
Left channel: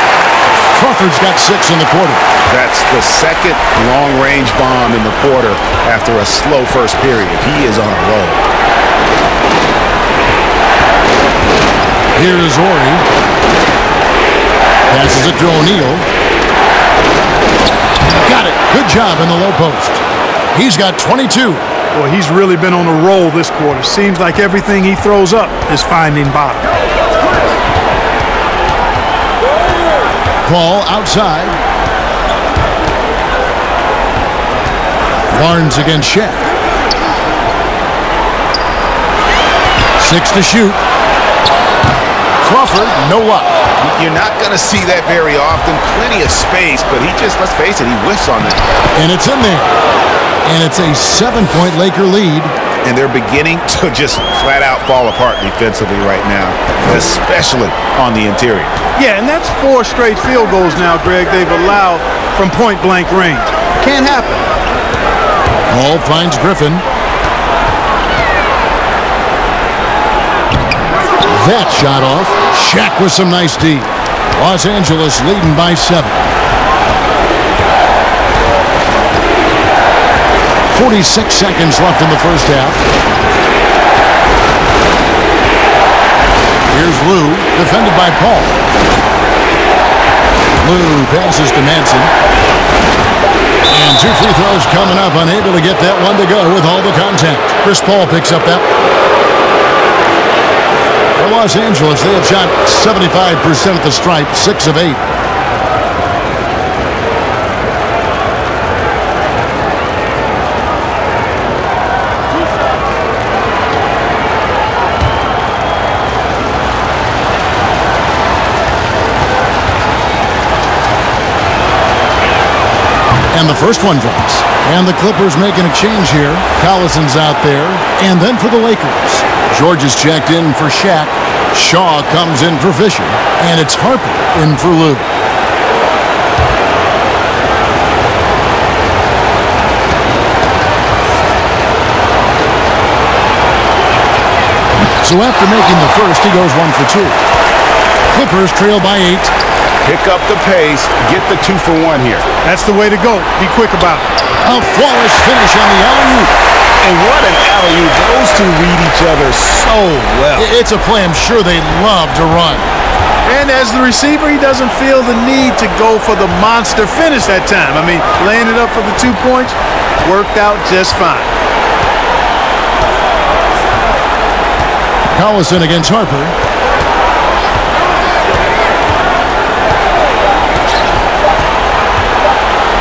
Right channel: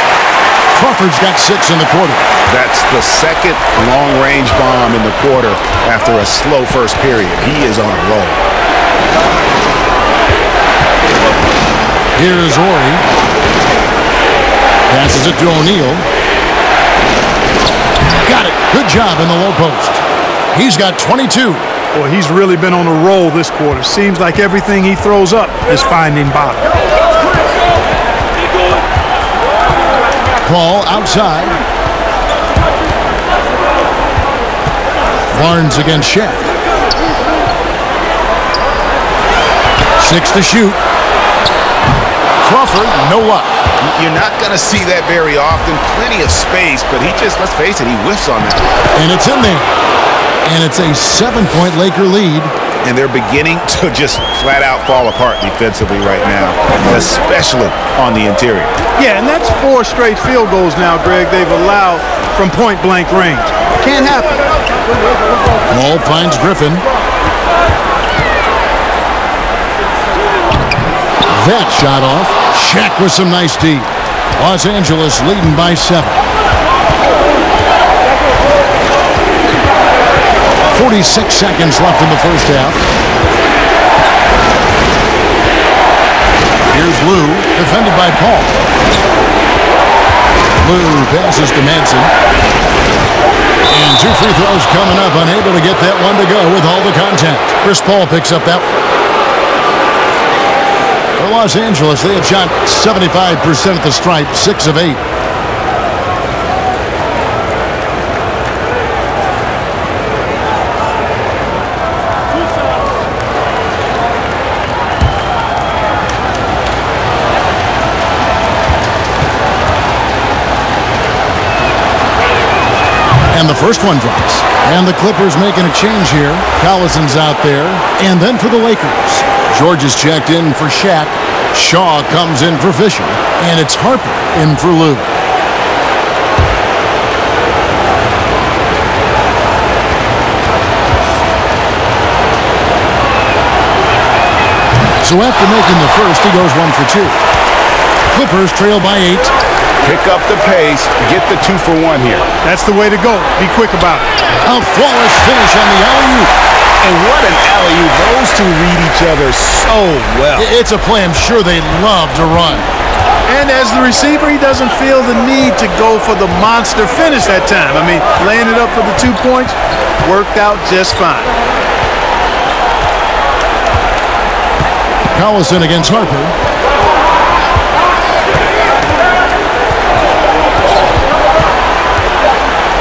Crawford's got 6 in the quarter. That's the second long-range bomb in the quarter after a slow first period. He is on a roll. Here's Ori. Passes it to O'Neal. Got it. Good job in the low post. He's got 22. Boy, he's really been on a roll this quarter. Seems like everything he throws up is finding bottom. Paul outside. Barnes against Shaq. 6 to shoot. Crawford, no luck. You're not going to see that very often. Plenty of space, but he just, let's face it, he whiffs on that. And it's in there. And it's a 7-point Laker lead. And they're beginning to just flat out fall apart defensively right now, especially on the interior. Yeah, and that's 4 straight field goals now, Greg, they've allowed from point-blank range. Can't happen. Paul finds Griffin. That shot off. Shaq with some nice D. Los Angeles leading by 7. 46 seconds left in the first half. Here's Lou, defended by Paul. Lou passes to Madsen. And 2 free throws coming up, unable to get that one to go with all the contact. Chris Paul picks up that one. For Los Angeles, they have shot 75% at the stripe, 6 of 8. And the first one drops. And the Clippers making a change here. Collison's out there. And then for the Lakers, George is checked in for Shaq. Shaw comes in for Fisher. And it's Harper in for Lou. So after making the first, he goes 1 for 2. Clippers trail by 8. Pick up the pace, get the 2 for 1 here. That's the way to go. Be quick about it. A flawless finish on the alley-oop. And what an alley-oop. Those two read each other so well. It's a play I'm sure they love to run. And as the receiver, he doesn't feel the need to go for the monster finish that time. I mean, laying it up for the 2 points worked out just fine. Collison against Harper.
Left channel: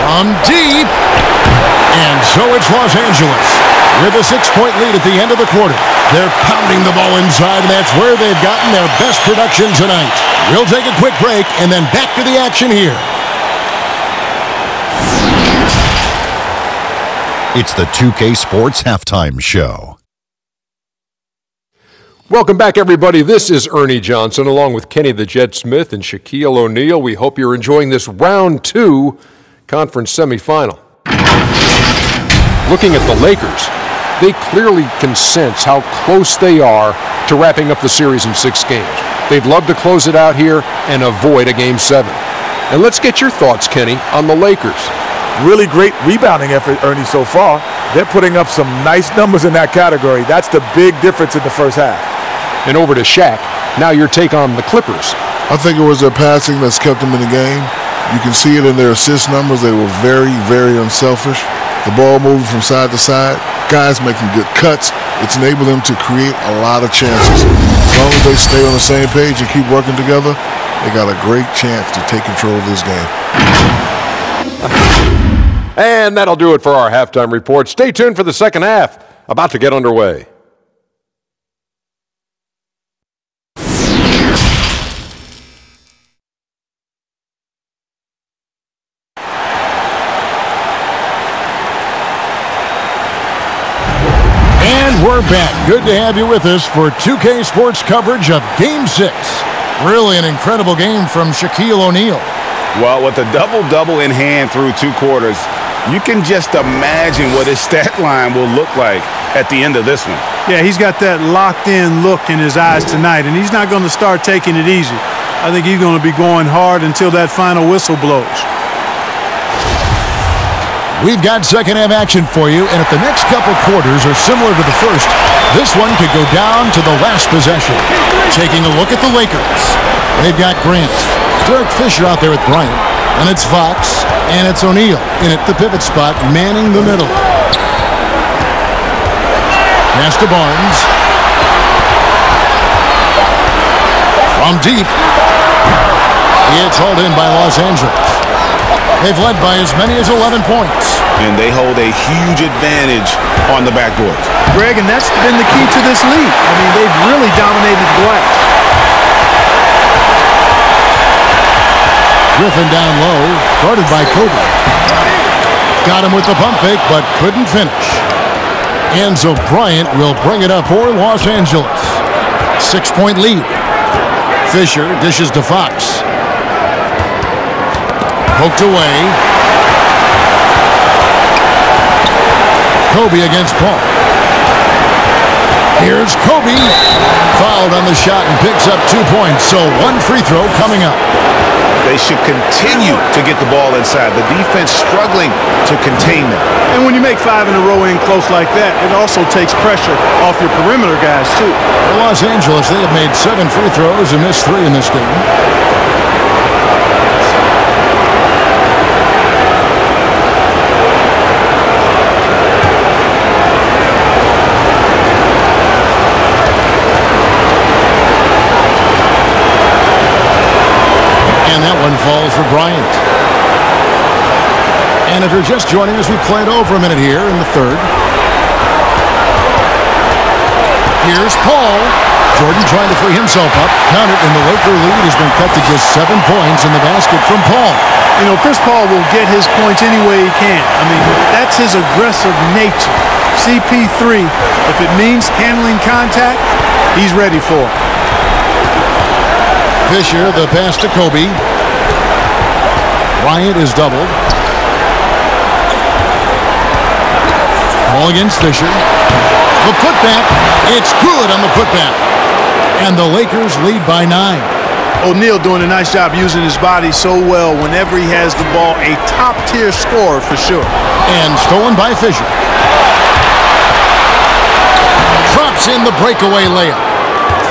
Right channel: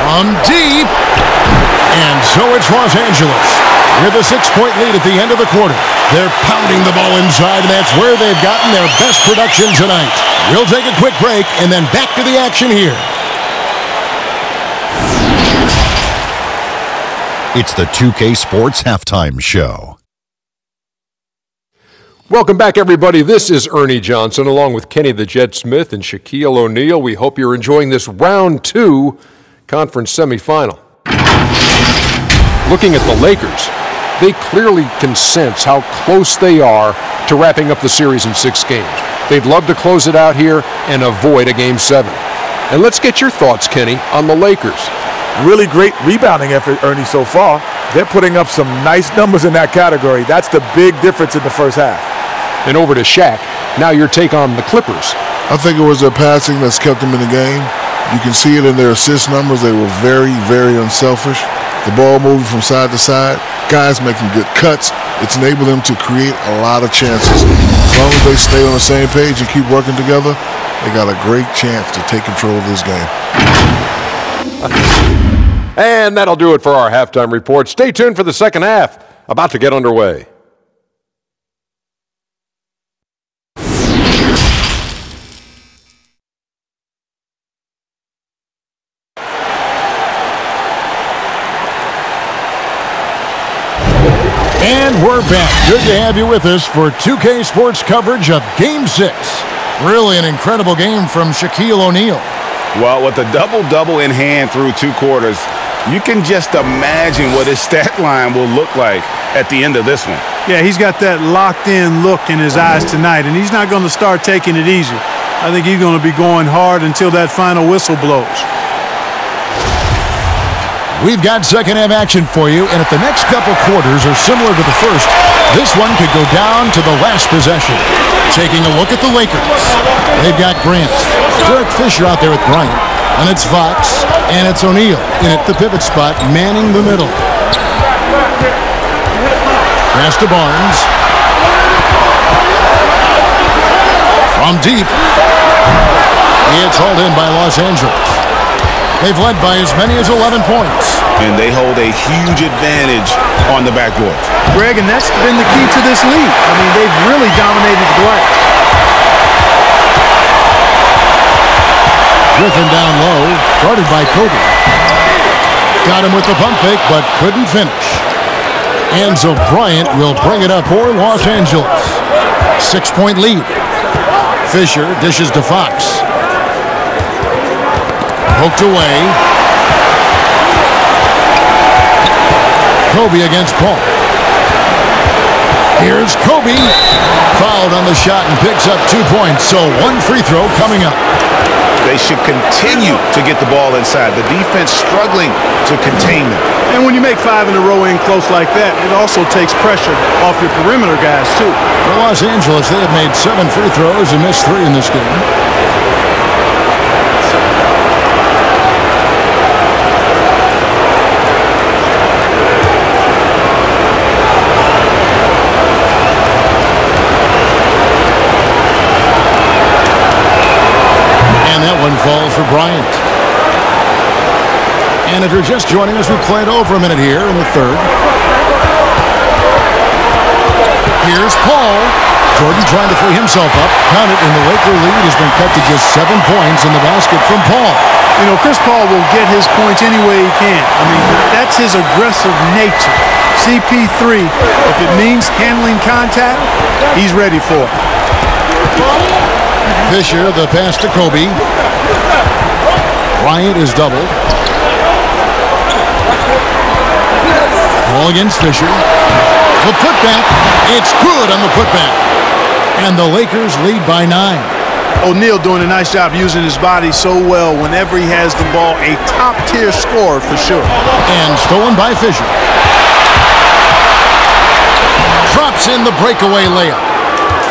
From deep. And so it's Los Angeles with a 6-point lead at the end of the quarter. They're pounding the ball inside, and that's where they've gotten their best production tonight. We'll take a quick break and then back to the action here. It's the 2K Sports Halftime Show. Welcome back, everybody. This is Ernie Johnson along with Kenny the Jet Smith and Shaquille O'Neal. We hope you're enjoying this round 2 conference semifinal. Looking at the Lakers, they clearly can sense how close they are to wrapping up the series in 6 games. They'd love to close it out here and avoid a Game 7. And let's get your thoughts, Kenny, on the Lakers. Really great rebounding effort, Ernie, so far. They're putting up some nice numbers in that category. That's the big difference in the first half. And over to Shaq. Now your take on the Clippers. I think it was their passing that's kept them in the game. You can see it in their assist numbers. They were very, very unselfish. The ball moving from side to side, guys making good cuts. It's enabled them to create a lot of chances. As long as they stay on the same page and keep working together, they got a great chance to take control of this game. And that'll do it for our halftime report. Stay tuned for the second half, about to get underway. And we're back. Good to have you with us for 2K Sports coverage of Game 6. Really an incredible game from Shaquille O'Neal. Well, with a double-double in hand through 2 quarters, you can just imagine what his stat line will look like at the end of this one. Yeah, he's got that locked-in look in his eyes tonight, and he's not going to start taking it easy. I think he's going to be going hard until that final whistle blows. We've got second half action for you, and if the next couple quarters are similar to the first, this one could go down to the last possession. Taking a look at the Lakers. They've got Grant, Derek Fisher out there with Bryant, and it's Fox, and it's O'Neal in at the pivot spot, manning the middle. Pass to Barnes. From deep. It's hauled in by Los Angeles. They've led by as many as 11 points. And they hold a huge advantage on the backboard. Greg, and that's been the key to this league. I mean, they've really dominated the glass. Griffin down low, guarded by Kobe. Got him with the pump fake, but couldn't finish. And so Bryant will bring it up for Los Angeles. 6-point lead. Fisher dishes to Fox. Poked away. Kobe against Paul. Here's Kobe. Fouled on the shot and picks up 2 points. So 1 free throw coming up. They should continue to get the ball inside. The defense struggling to contain them. And when you make 5 in a row in close like that, it also takes pressure off your perimeter guys, too. For Los Angeles, they have made 7 free throws and missed 3 in this game. And that one falls for Bryant. And if you're just joining us, we played over a minute here in the third. Here's Paul. Jordan trying to free himself up. Count it, and the Laker lead has been cut to just 7 points in the basket from Paul. You know, Chris Paul will get his points any way he can. I mean, that's his aggressive nature. CP3, if it means handling contact, he's ready for it. Fisher, the pass to Kobe. Bryant is doubled. Ball against Fisher. The putback. It's good on the putback. And the Lakers lead by 9. O'Neal doing a nice job using his body so well whenever he has the ball. A top-tier scorer for sure. And stolen by Fisher. drops in the breakaway layup.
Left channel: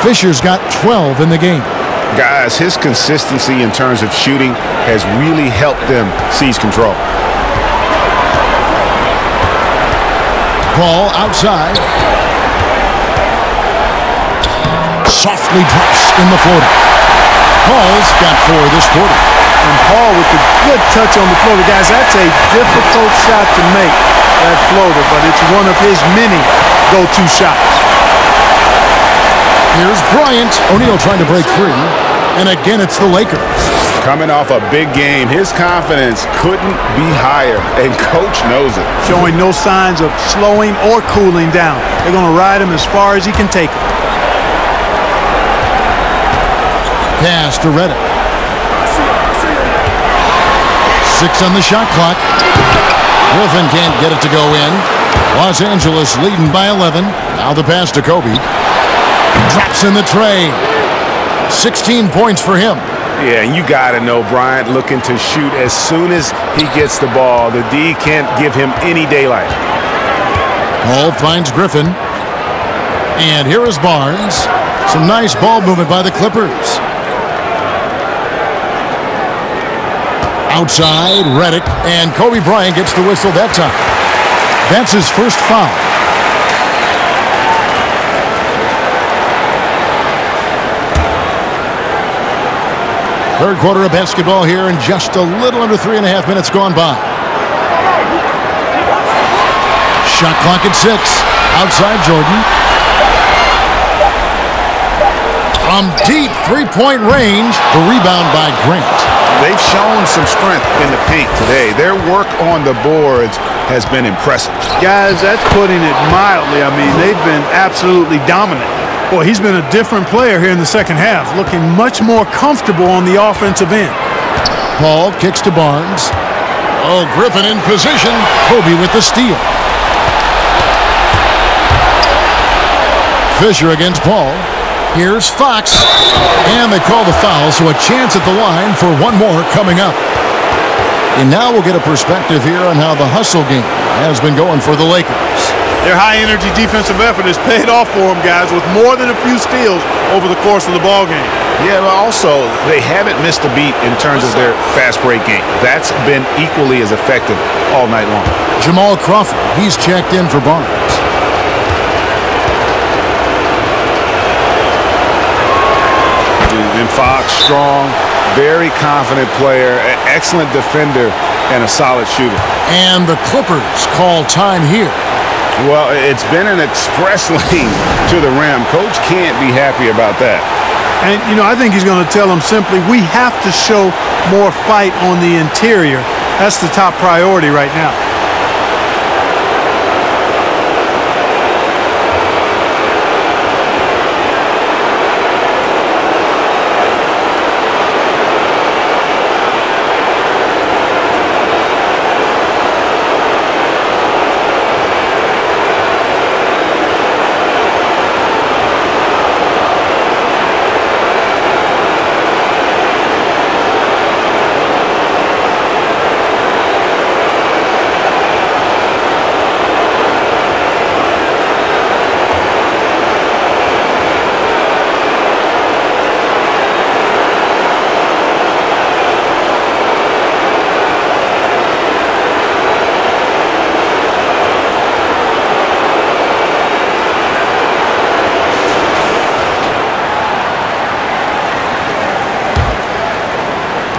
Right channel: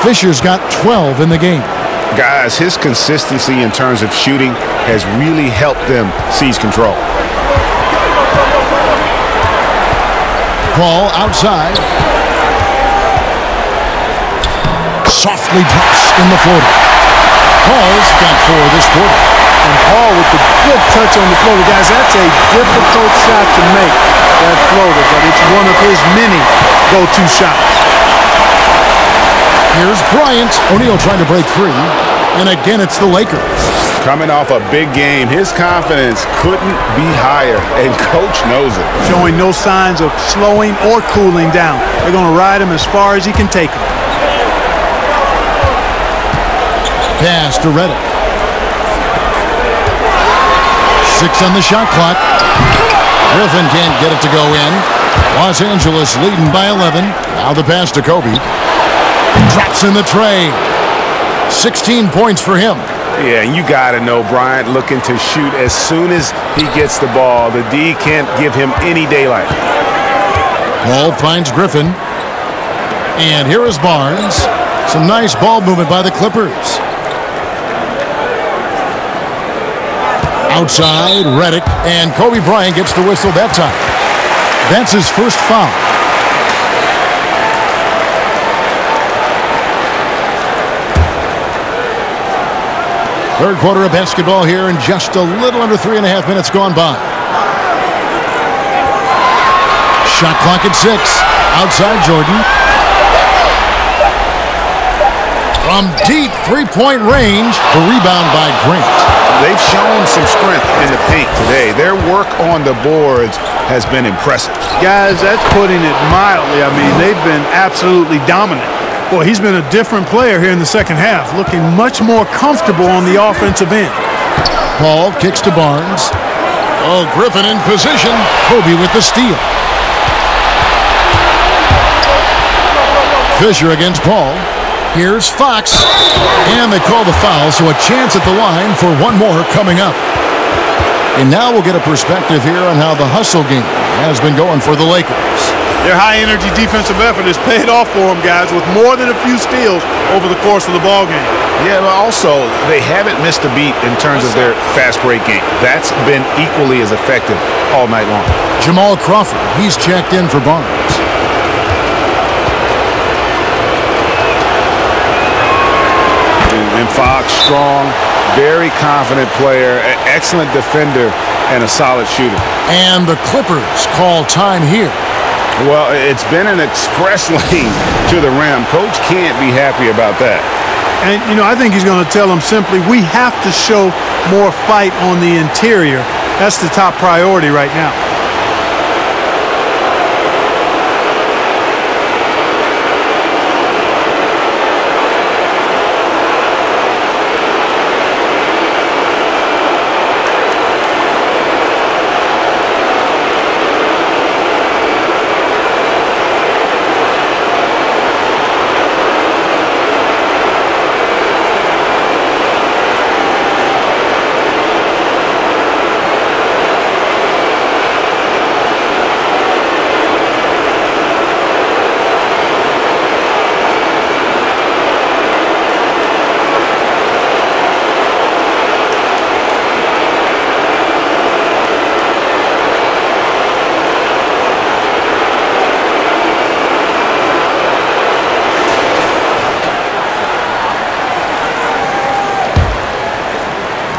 Fisher's got 12 in the game. Guys, his consistency in terms of shooting has really helped them seize control. Paul outside. Softly drops in the floater. Paul's got 4 this quarter. And Paul with the good touch on the floater. Guys, that's a difficult shot to make, that floater, but it's one of his many go-to shots. Here's Bryant. O'Neal trying to break free. And again, it's the Lakers. Coming off a big game, his confidence couldn't be higher, and Coach knows it. Showing no signs of slowing or cooling down. They're going to ride him as far as he can take him. Pass to Redick. 6 on the shot clock. Griffin can't get it to go in. Los Angeles leading by 11. Now the pass to Kobe. Drops in the tray. 16 points for him. Yeah, and you got to know Bryant looking to shoot as soon as he gets the ball. The D can't give him any daylight. Paul finds Griffin. And here is Barnes. Some nice ball movement by the Clippers. Outside, Redick, and Kobe Bryant gets the whistle that time. That's his first foul. Third quarter of basketball here, and just a little under 3.5 minutes gone by. Shot clock at 6. Outside Jordan. From deep three-point range, the rebound by Grant. They've shown some strength in the paint today. Their work on the boards has been impressive. Guys, that's putting it mildly. I mean, they've been absolutely dominant. Boy, he's been a different player here in the second half, looking much more comfortable on the offensive end. Paul kicks to Barnes. Oh, Griffin in position. Kobe with the steal. Fisher against Paul. Here's Fox. And they call the foul, so a chance at the line for one more coming up. And now we'll get a perspective here on how the hustle game has been going for the Lakers. Their high-energy defensive effort has paid off for them, guys, with more than a few steals over the course of the ball game. Yeah, but also they haven't missed a beat in terms of their fast break game. That's been equally as effective all night long. Jamal Crawford, he's checked in for Barnes. And Fox, strong, very confident player, an excellent defender, and a solid shooter. And the Clippers call time here. Well, it's been an express lane to the rim. Coach can't be happy about that. And, you know, I think he's going to tell them simply, we have to show more fight on the interior. That's the top priority right now.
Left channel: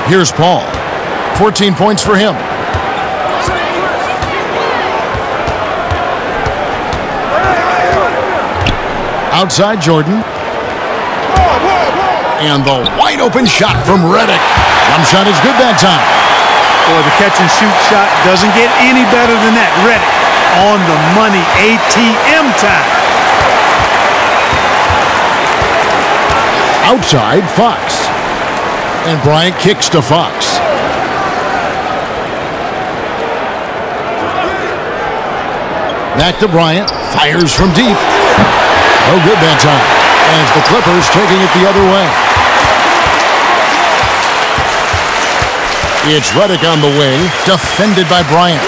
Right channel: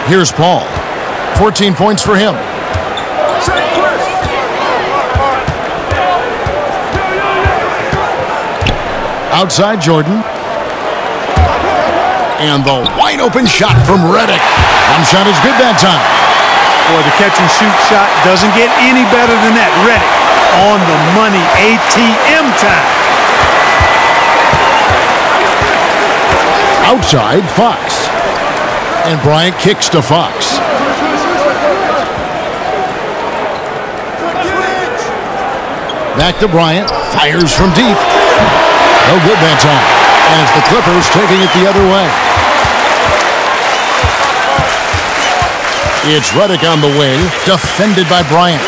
Here's Paul. 14 points for him. Outside Jordan. And the wide open shot from Redick. Jump shot is good that time. Boy, the catch and shoot shot doesn't get any better than that. Redick on the money, ATM time. Outside Fox. And Bryant kicks to Fox. Back to Bryant. Fires from deep. No good that time. And it's the Clippers taking it the other way. It's Redick on the wing. Defended by Bryant.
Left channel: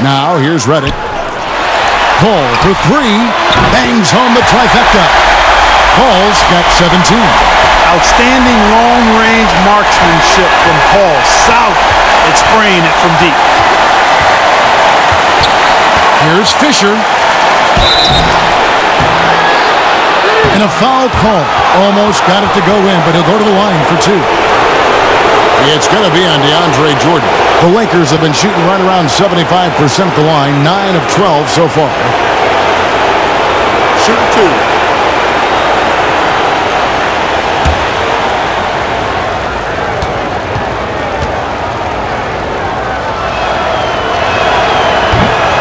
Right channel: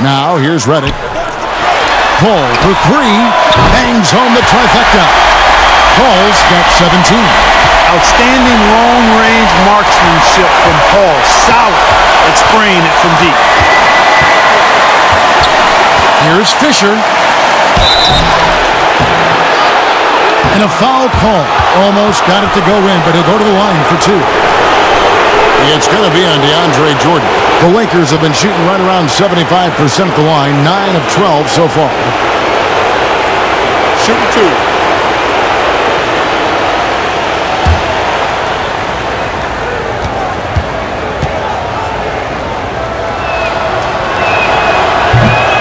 Now here's Redick. Paul for three. Bangs home the trifecta. Paul's got 17. Outstanding long-range marksmanship from Paul. Solid at spraying it from deep. Here's Fisher. And a foul call. Almost got it to go in, but he'll go to the line for two. It's going to be on DeAndre Jordan. The Lakers have been shooting right around 75% at the line, 9 of 12 so far. Shooting two.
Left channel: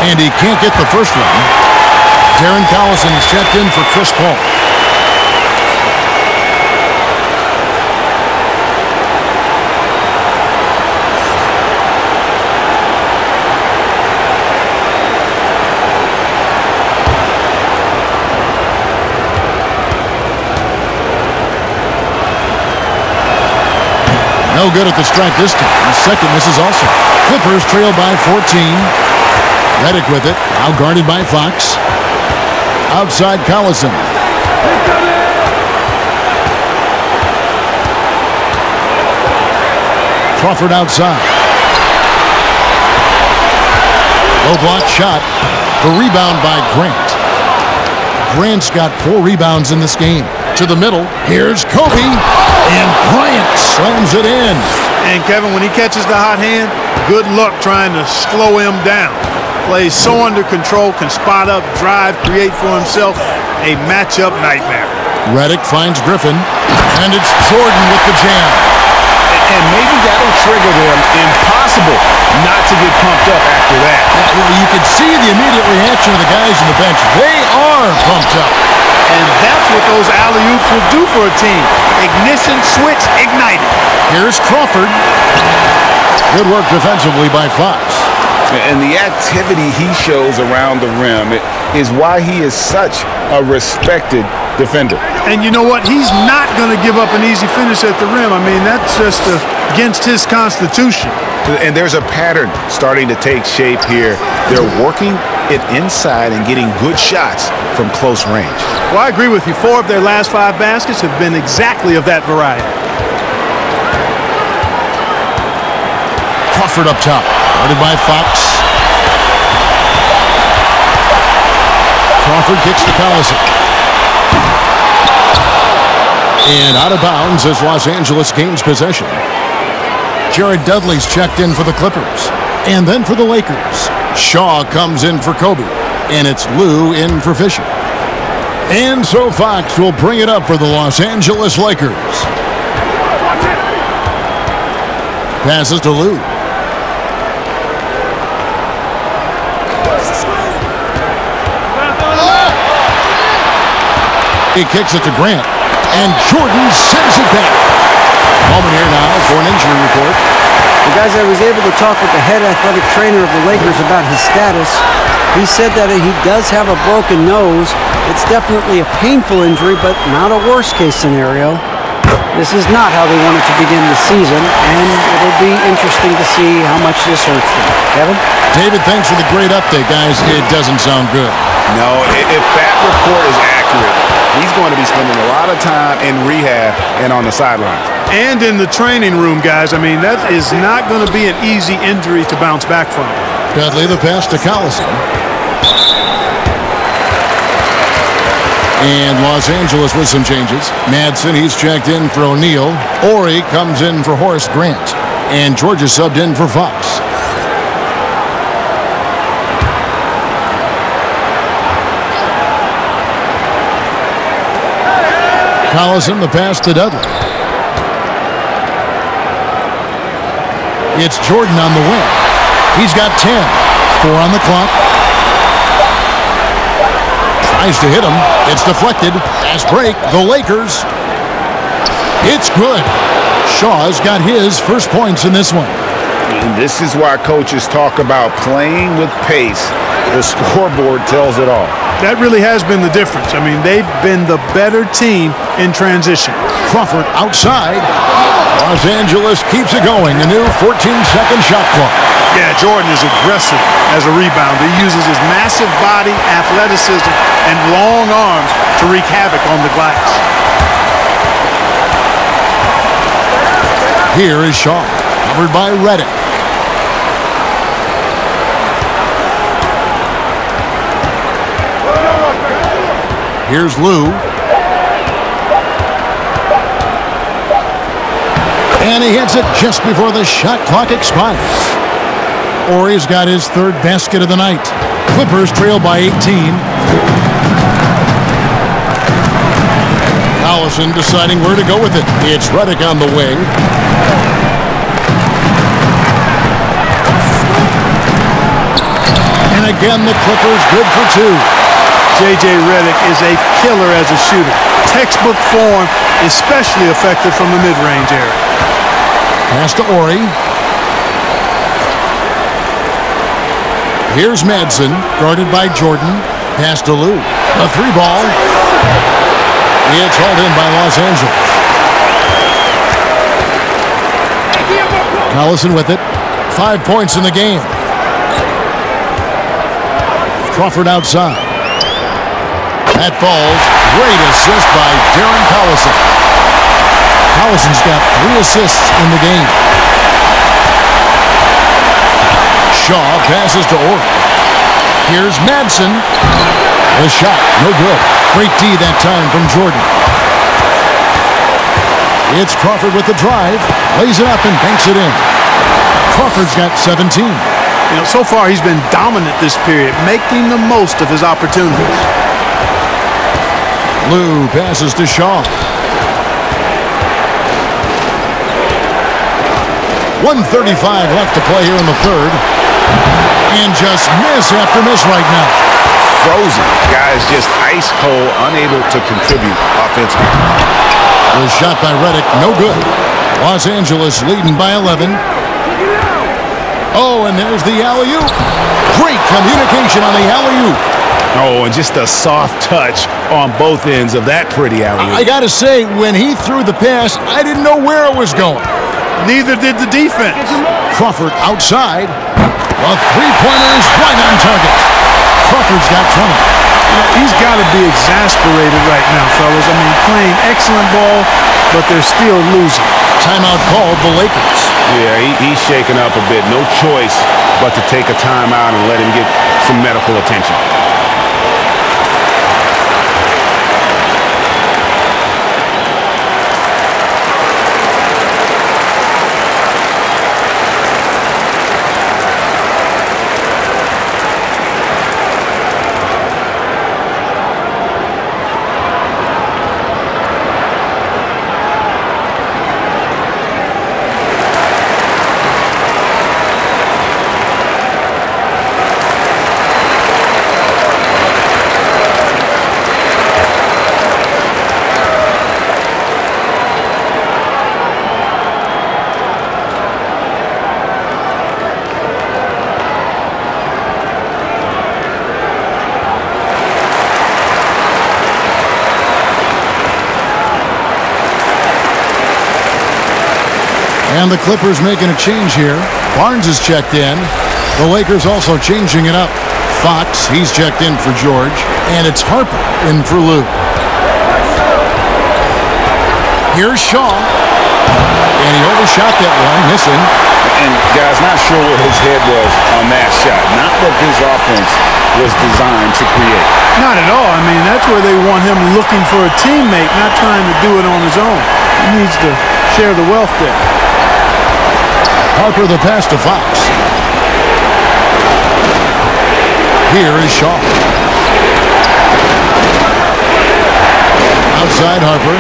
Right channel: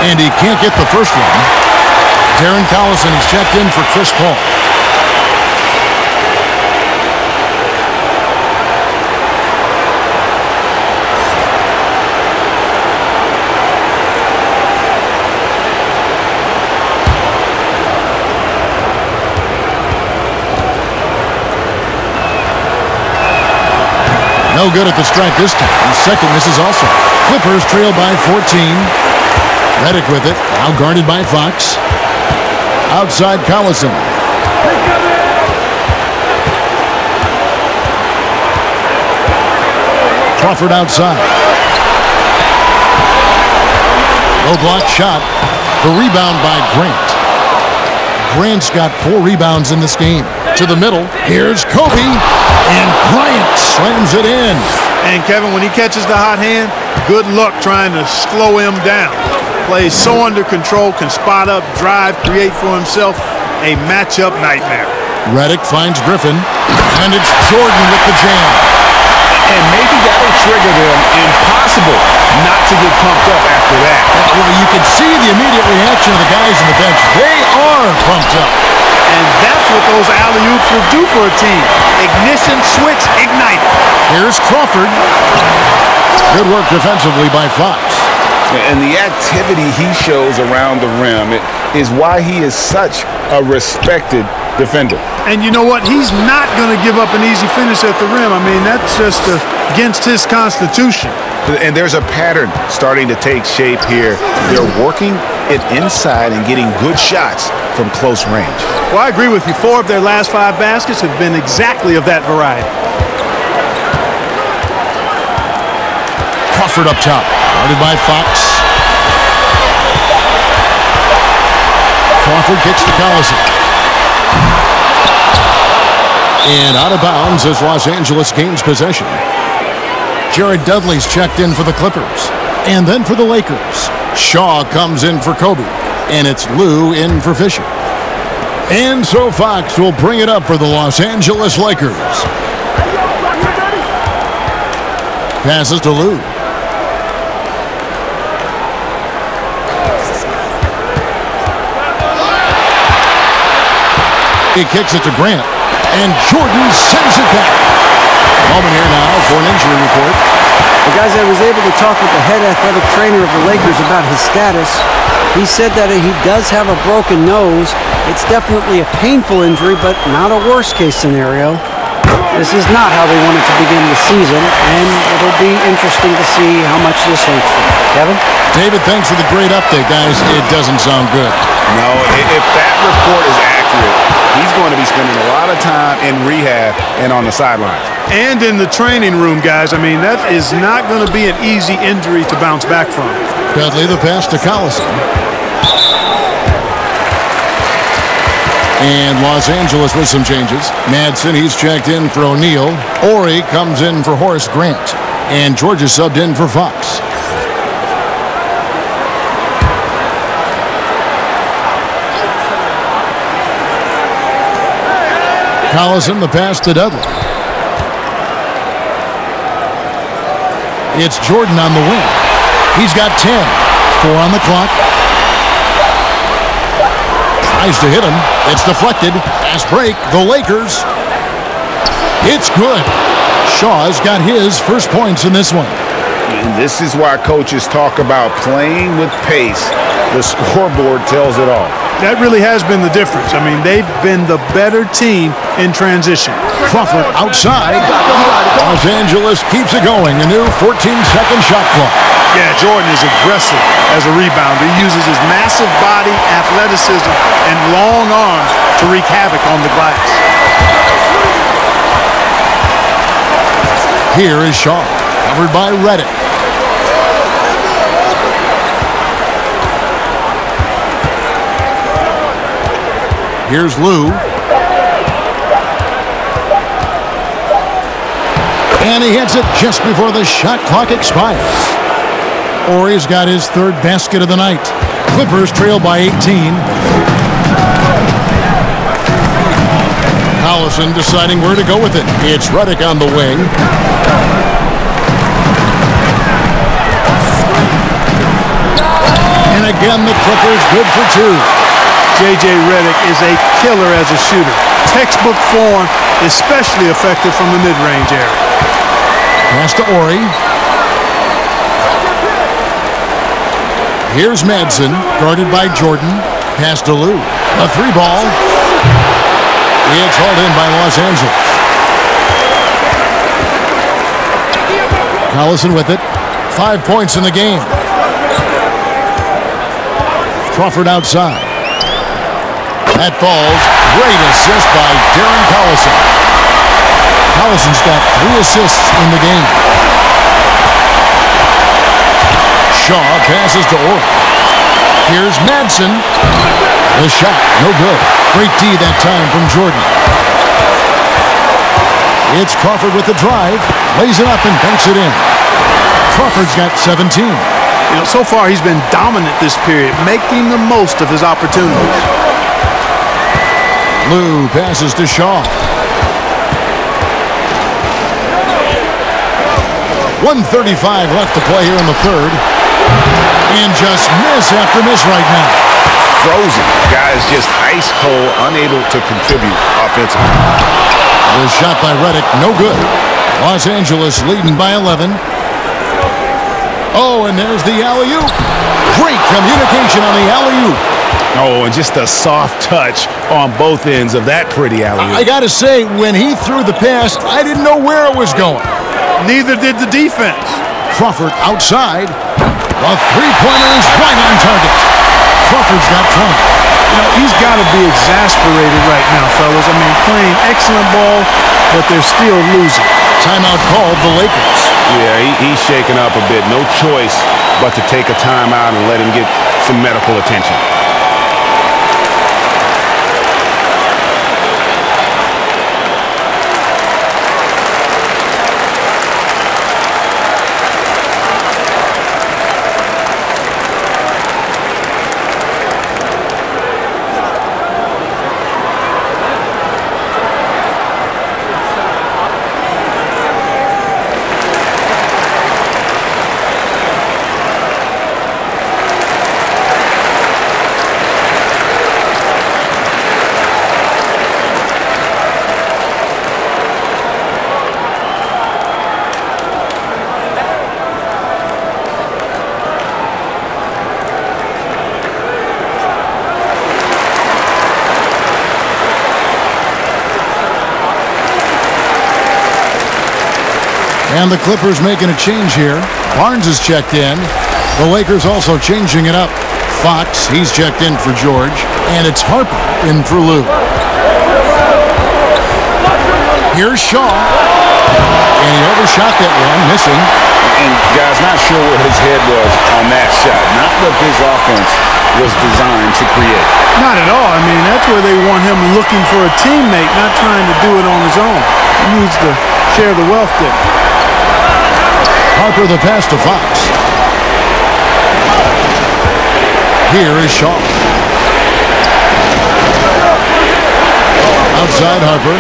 And he can't get the first one. Darren Collison, he's checked in for Chris Paul. No good at the stripe this time. Second misses also. Clippers trail by 14. Redick with it. Now guarded by Fox. Outside Collison. Crawford outside. Low block shot. The rebound by Grant. Grant's got 4 rebounds in this game. To the middle. Here's Kobe. And Bryant slams it in. And Kevin, when he catches the hot hand, good luck trying to slow him down. Plays so under control, can spot up, drive, create for himself. A matchup nightmare. Redick finds Griffin. And it's Jordan with the jam. And maybe that'll trigger them. Impossible not to get pumped up after that. Yeah, well, you can see the immediate reaction of the guys on the bench. They are pumped up. And that's what those alley-oops will do for a team. Ignition, switch, ignited. Here's Crawford. Good work defensively by Fox. And the activity he shows around the rim is why he is such a respected defender. And you know what? He's not going to give up an easy finish at the rim. I mean, that's just against his constitution. And there's a pattern starting to take shape here. They're working it inside and getting good shots from close range. Well, I agree with you. 4 of their last 5 baskets have been exactly of that variety. Crawford up top. Guarded by Fox. Crawford kicks to Collison. And out of bounds as Los Angeles gains possession. Jared Dudley's checked in for the Clippers. And then for the Lakers. Shaw comes in for Kobe. And it's Lou in for Fisher. And so Fox will bring it up for the Los Angeles Lakers. Passes to Lou. He kicks it to Grant. And Jordan sends it back. Moment here now for an injury report. Well, guys, I was able to talk with the head athletic trainer of the Lakers about his status. He said that he does have a broken nose. It's definitely a painful injury, but not a worst-case scenario. This is not how they wanted to begin the season, and it'll be interesting to see how much this hurts them. Kevin? David, thanks for the great update, guys. It doesn't sound good. No, if that report is accurate, he's going to be spending a lot of time in rehab and on the sidelines. And in the training room, guys. I mean, that is not going to be an easy injury to bounce back from. Dudley the pass to Collison. And Los Angeles with some changes. Madsen, he's checked in for O'Neal. Ori comes in for Horace Grant. And Georgia subbed in for Fox. Collison the pass to Dudley. It's Jordan on the wing. He's got 10. 4 on the clock. Tries to hit him. It's deflected. Fast break. The Lakers. It's good. Shaw's got his first points in this one. And this is why coaches talk about playing with pace. The scoreboard tells it all. That really has been the difference. I mean, they've been the better team in transition. Crawford outside. Los Angeles keeps it going. A new 14-second shot clock. Yeah, Jordan is aggressive as a rebounder. He uses his massive body, athleticism, and long arms to wreak havoc on the glass. Here is Shaw, covered by Reddick. Here's Lou. And he hits it just before the shot clock expires. Horry's got his third basket of the night. Clippers trail by 18. Collison deciding where to go with it. It's Reddick on the wing. And again, the Clippers good for two. J.J. Reddick is a killer as a shooter. Textbook form, especially effective from the mid-range area. Pass to Horry. Here's Madsen, guarded by Jordan. Pass to Lou. A three ball. It's hauled in by Los Angeles. Collison with it. 5 points in the game. Crawford outside. That falls. Great assist by Darren Collison. Collison's got 3 assists in the game. Shaw passes to Horry. Here's Madsen. The shot, no good. Great D that time from Jordan. It's Crawford with the drive. Lays it up and banks it in. Crawford's got 17. You know, so far he's been dominant this period, making the most of his opportunities. Lou passes to Shaw. 1:35 left to play here in the third. And just miss after miss right now. Frozen. Guys just ice cold, unable to contribute offensively. The shot by Reddick, no good. Los Angeles leading by 11. Oh, and there's the alley-oop. Great communication on the alley-oop. Oh, and just a soft touch on both ends of that pretty alley-oop. I got to say, when he threw the pass, I didn't know where it was going. Neither did the defense. Crawford outside. The three-pointer is right on target. Crawford's got 20. You know, he's got to be exasperated right now, fellas. I mean, playing excellent ball, but they're still losing. Timeout called the Lakers. Yeah, he's shaken up a bit. No choice but to take a timeout and let him get some medical attention. And the Clippers making a change here. Barnes is checked in. The Lakers also changing it up. Fox, he's checked in for George. And it's Harper in for Lou. Here's Shaw. And he overshot that one, missing. And guys, not sure where his head was on that shot. Not what this offense was designed to create. Not at all. I mean, that's where they want him looking for a teammate, not trying to do it on his own. He needs to share the wealth there. Harper the pass to Fox. Here is Shaw. Outside Harper.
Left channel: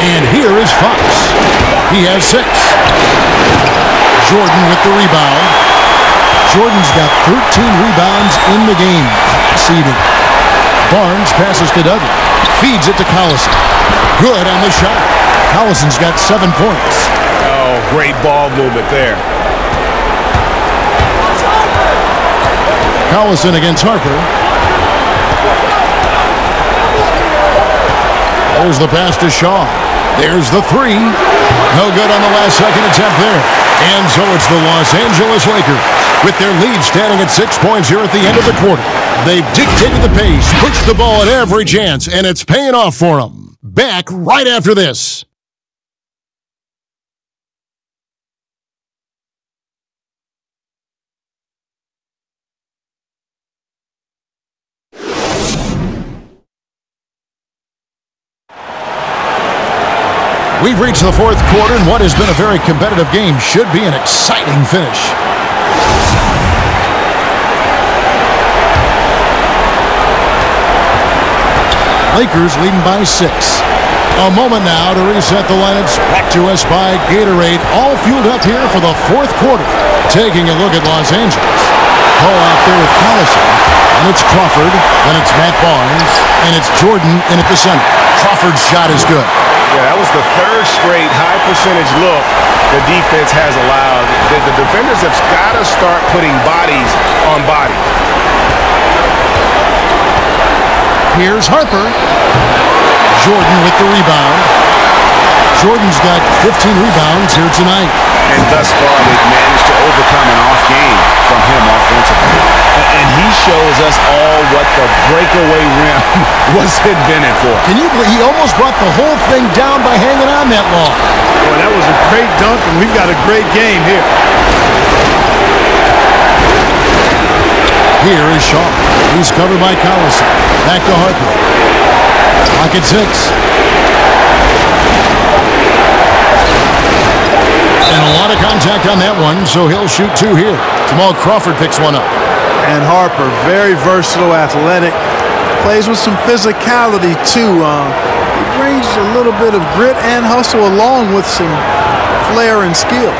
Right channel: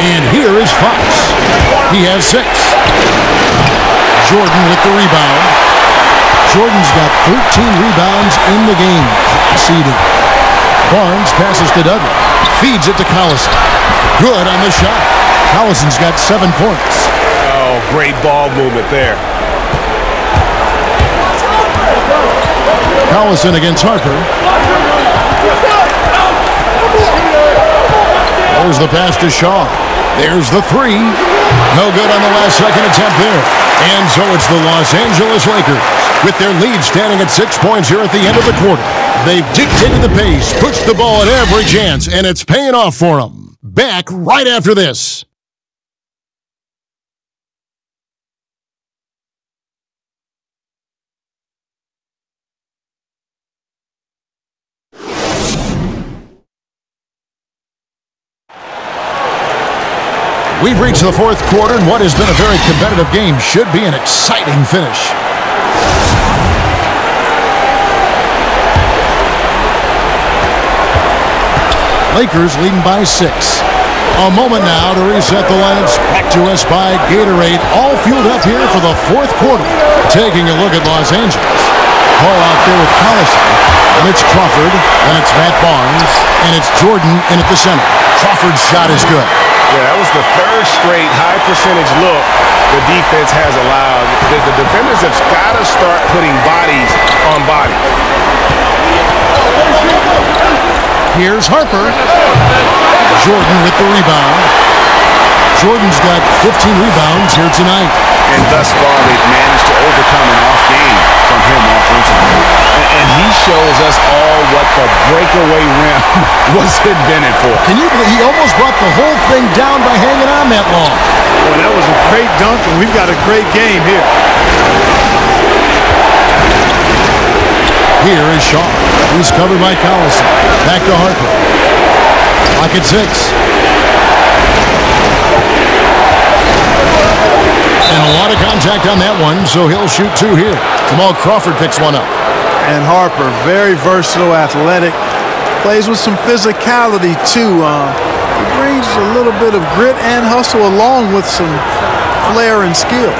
And here is Fox. He has 6. Jordan with the rebound. Jordan's got 13 rebounds in the game. Seeding. Barnes passes to Dudley. Feeds it to Collison. Good on the shot. Collison's got 7 points. Oh, great ball movement there. Collison against Harper. There's the pass to Shaw. There's the 3. No good on the last second attempt there. And so it's the Los Angeles Lakers with their lead standing at 6 points here at the end of the quarter. They've dictated the pace, pushed the ball at every chance, and it's paying off for them. Back right after this. We've reached the fourth quarter, and what has been a very competitive game should be an exciting finish. Lakers leading by 6. A moment now to reset the lineups, brought to us by Gatorade, all fueled up here for the fourth quarter. Taking a look at Los Angeles. Paul out there with Collison, and it's Crawford, then it's Matt Barnes, and it's Jordan in at the center. Crawford's shot is good. Yeah, that was the third straight high percentage look the defense has allowed. The defenders have got to start putting bodies on bodies. Here's Harper. Jordan with the rebound. Jordan's got 15 rebounds here tonight. And thus far, they've managed to overcome an off game from him offensively. And he shows us all what the breakaway rim was invented for. Can you believe he almost brought the whole thing down by hanging on that long? Boy, that was a great dunk, and we've got a great game here. Here is Shaw. He's covered by Collison. Back to Harper. Clock at 6. And a lot of contact on that one, so he'll shoot 2 here. Jamal Crawford picks one up. And Harper, very versatile, athletic. Plays with some physicality, too. He brings a little bit of grit and hustle along with some flair and skill.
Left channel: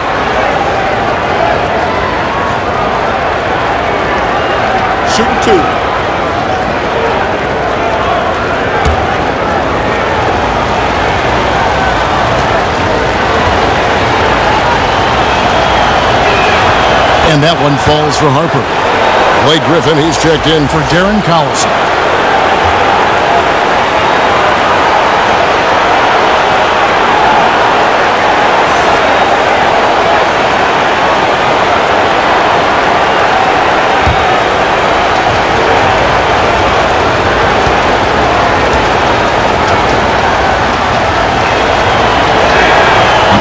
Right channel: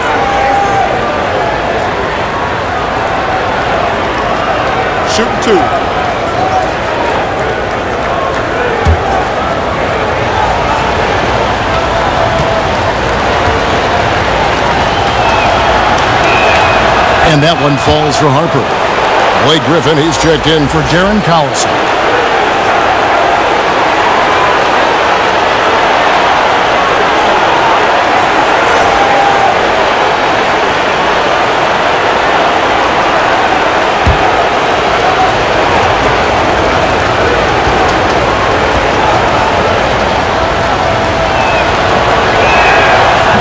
Shooting 2. And that one falls for Harper. Blake Griffin, he's checked in for Darren Collison.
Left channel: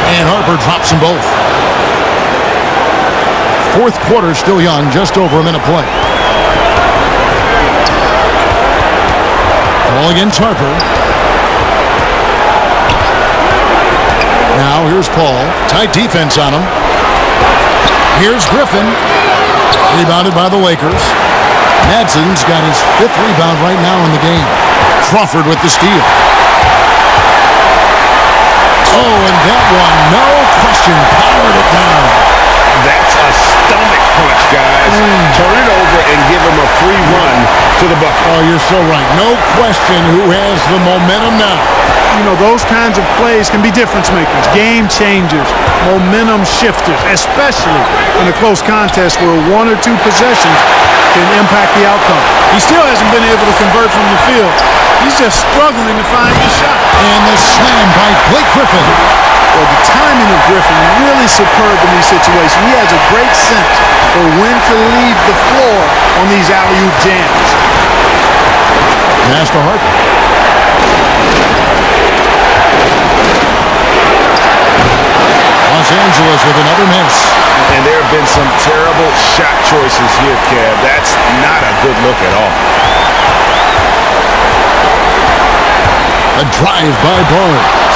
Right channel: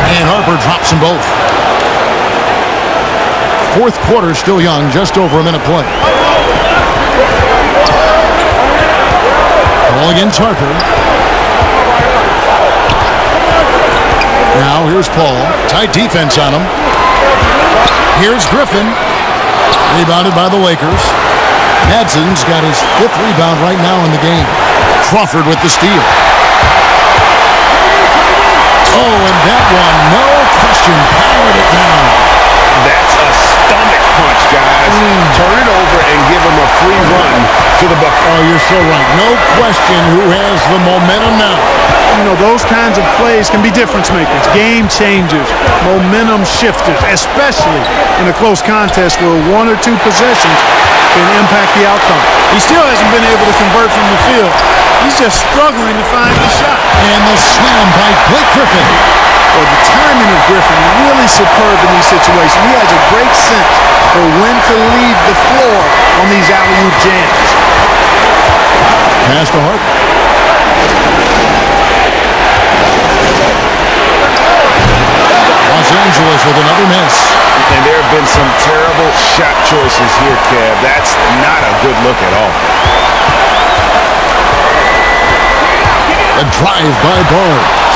And Harper drops them both. Fourth quarter still young, just over a minute play. Ball against Harper. Now here's Paul. Tight defense on him. Here's Griffin. Rebounded by the Lakers. Madson's got his 5th rebound right now in the game. Crawford with the steal. Oh, and that one, no question, powered it down. That's a stomach punch, guys. Turn it over and give him a free run to the bucket. Oh, you're so right. No question who has the momentum now. You know, those kinds of plays can be difference makers, game changers, momentum shifters, especially in a close contest where 1 or 2 possessions can impact the outcome. He still hasn't been able to convert from the field. He's just struggling to find the shot. And the slam by Blake Griffin. Well, the timing of Griffin really superb in these situations. He has a great sense for when to leave the floor on these alley-oop jams. Pass to Harper. Los Angeles with another miss. And there have been some terrible shot choices here, Kev. That's not a good look at all. A drive by Barnes.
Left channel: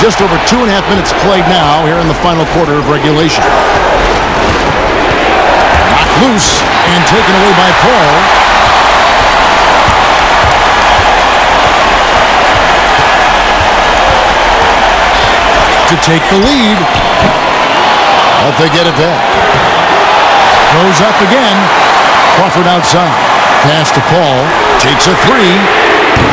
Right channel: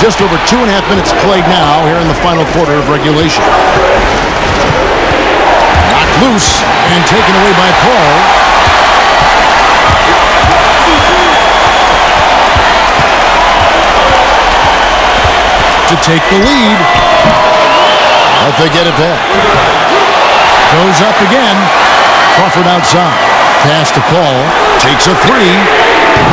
Just over 2.5 minutes played now here in the final quarter of regulation. Knocked loose and taken away by Paul. To take the lead. But they get it back. Goes up again. Crawford outside. Pass to Paul. Takes a 3.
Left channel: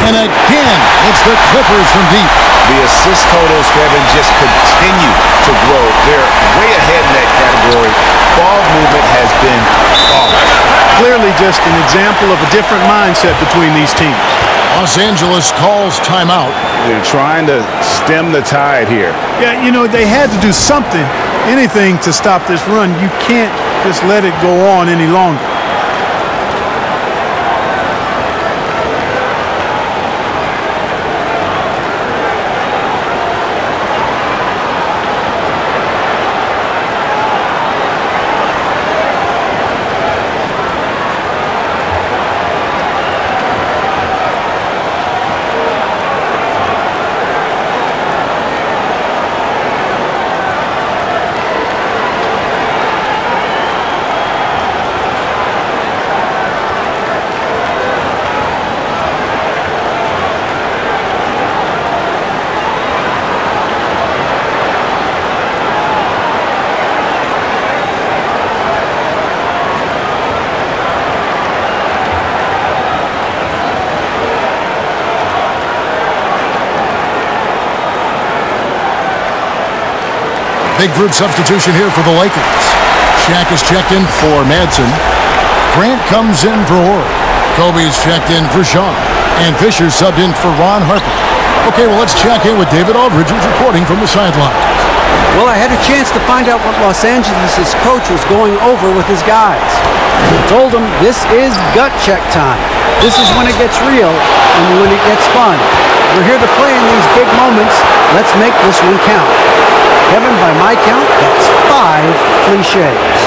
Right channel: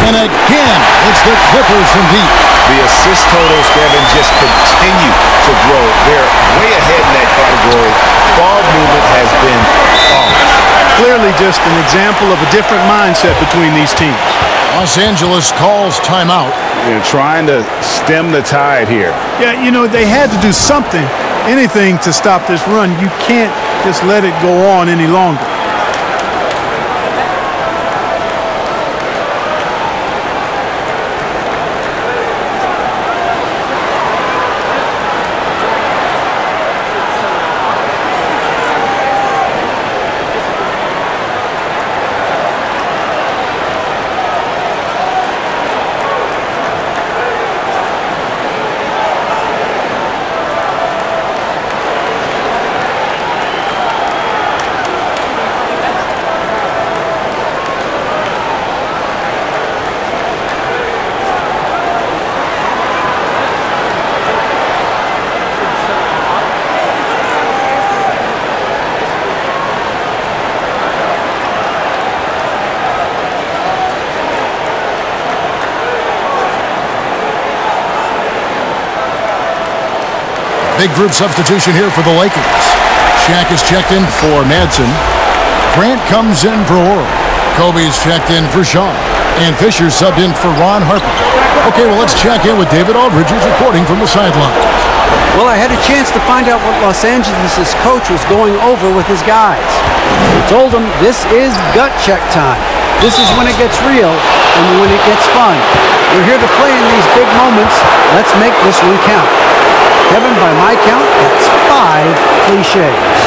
And again, it's the Clippers from deep. The assist totals, Kevin, just continue to grow. They're way ahead in that category. Ball movement has been flawless. Clearly just an example of a different mindset between these teams. Los Angeles calls timeout. They're trying to stem the tide here. Yeah, you know, they had to do something, anything to stop this run. You can't just let it go on any longer. Big group substitution here for the Lakers. Shaq is checked in for Madsen. Grant comes in for Horry. Kobe's checked in for Shaw. And Fisher subbed in for Ron Harper. Okay, well, let's check in with David Aldridge, who's reporting from the sidelines. Well, I had a chance to find out what Los Angeles' coach was going over with his guys. He told them this is gut check time. This is when it gets real and when it gets fun. We're here to play in these big moments. Let's make this one count. Kevin, by my count, that's 5 cliches.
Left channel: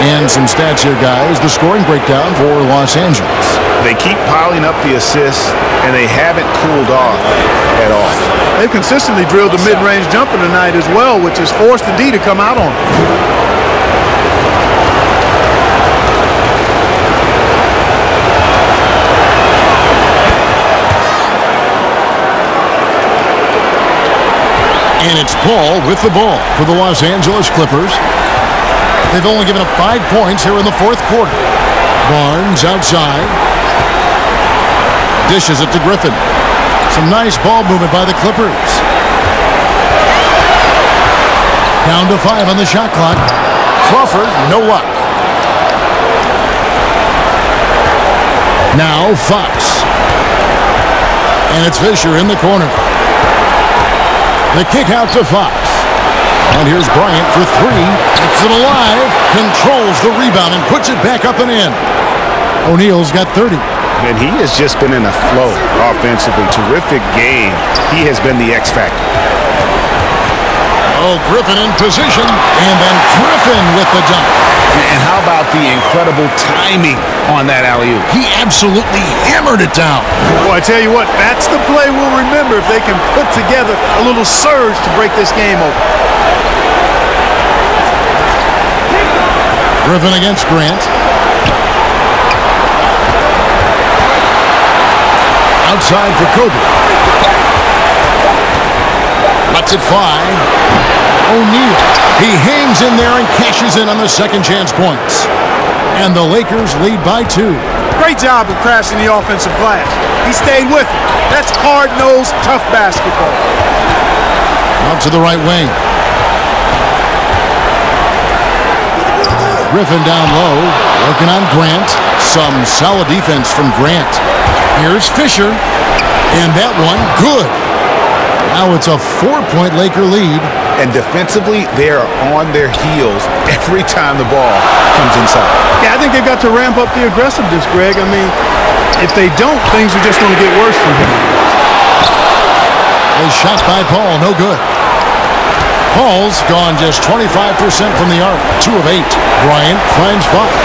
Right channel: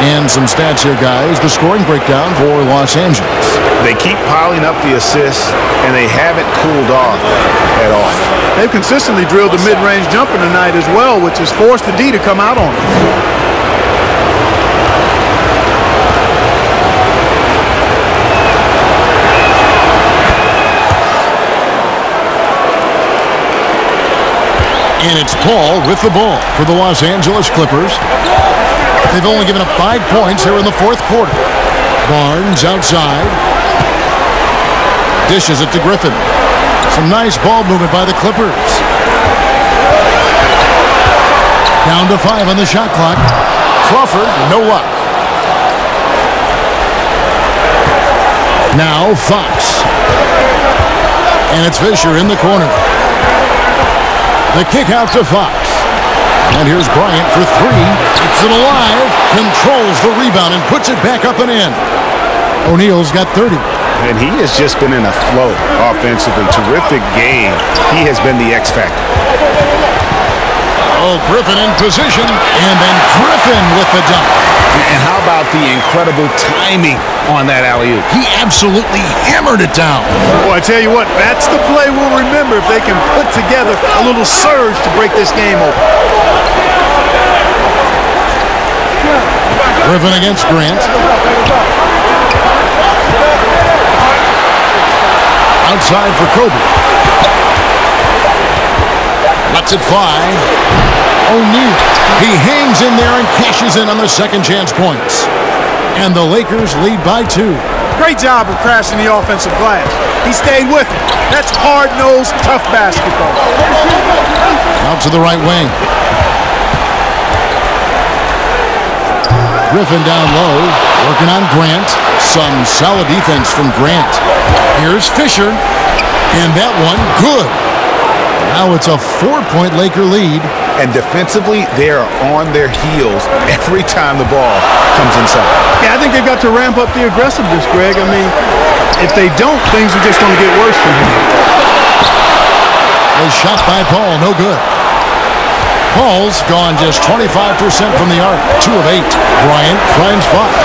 And some stats here, guys. The scoring breakdown for Los Angeles. They keep piling up the assists, and they haven't cooled off at all. They've consistently drilled the mid-range jumper tonight as well, which has forced the D to come out on them. And it's Paul with the ball for the Los Angeles Clippers. They've only given up 5 points here in the fourth quarter. Barnes outside. Dishes it to Griffin. Some nice ball movement by the Clippers. Down to 5 on the shot clock. Crawford, no luck. Now Fox. And it's Fisher in the corner. The kick out to Fox. And here's Bryant for 3. Keeps it alive. Controls the rebound and puts it back up and in. O'Neal's got 30. And he has just been in a flow offensively. Terrific game. He has been the X factor. Oh, Griffin in position. And then Griffin with the dunk. And how about the incredible timing on that alley-oop? He absolutely hammered it down. Well, I tell you what, that's the play we'll remember if they can put together a little surge to break this game open. Griffin against Grant. Outside for Kobe. Lets it fly. O'Neal. He hangs in there and cashes in on the second chance points. And the Lakers lead by 2. Great job of crashing the offensive glass. He stayed with it. That's hard-nosed, tough basketball. Out to the right wing. Griffin down low, working on Grant. Some solid defense from Grant. Here's Fisher. And that one, good. Now it's a 4-point Laker lead. And defensively, they are on their heels every time the ball comes inside. Yeah, I think they've got to ramp up the aggressiveness, Greg. I mean, if they don't, things are just going to get worse from here. A shot by Paul, no good. Paul's gone just 25% from the arc, 2 of 8. Bryant finds Fox.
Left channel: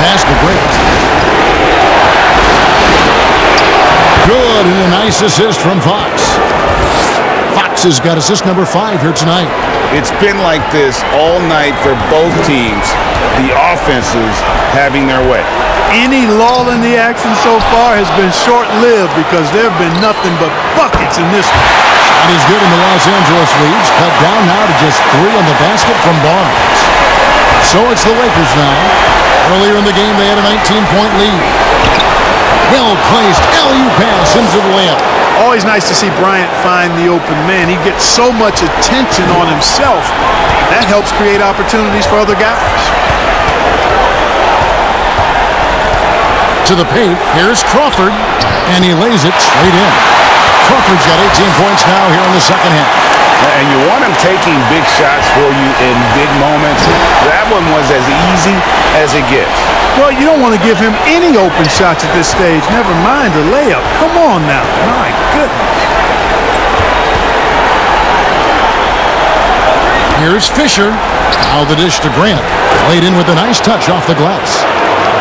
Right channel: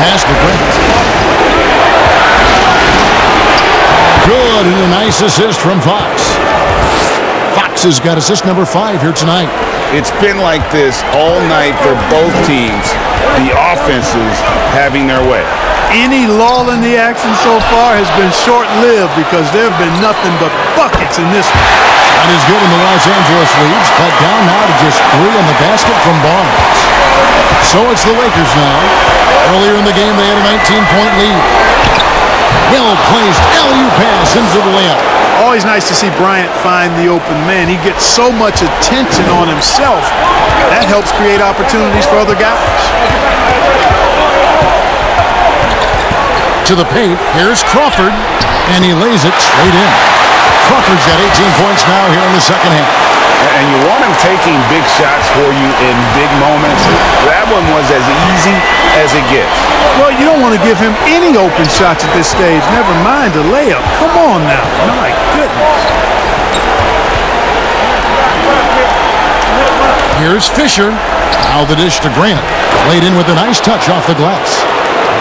Pass to Grant. Good, and a nice assist from Fox. Fox has got assist number 5 here tonight. It's been like this all night for both teams. The offenses having their way. Any lull in the action so far has been short-lived because there have been nothing but buckets in this one. Shot is good, and the Los Angeles leads cut down now to just 3 on the basket from Barnes. So it's the Lakers now. Earlier in the game, they had a 19-point lead. Well-placed alley-oop pass into the layup. Always nice to see Bryant find the open man. He gets so much attention on himself, That helps create opportunities for other guys. To the paint, here's Crawford, and he lays it straight in. Crawford's got 18 points now here in the second half. And you want him taking big shots for you in big moments. That one was as easy as it gets. Well, you don't want to give him any open shots at this stage. Never mind a layup. Come on now. My goodness. Here's Fisher. Now the dish to Grant. Laid in with a nice touch off the glass.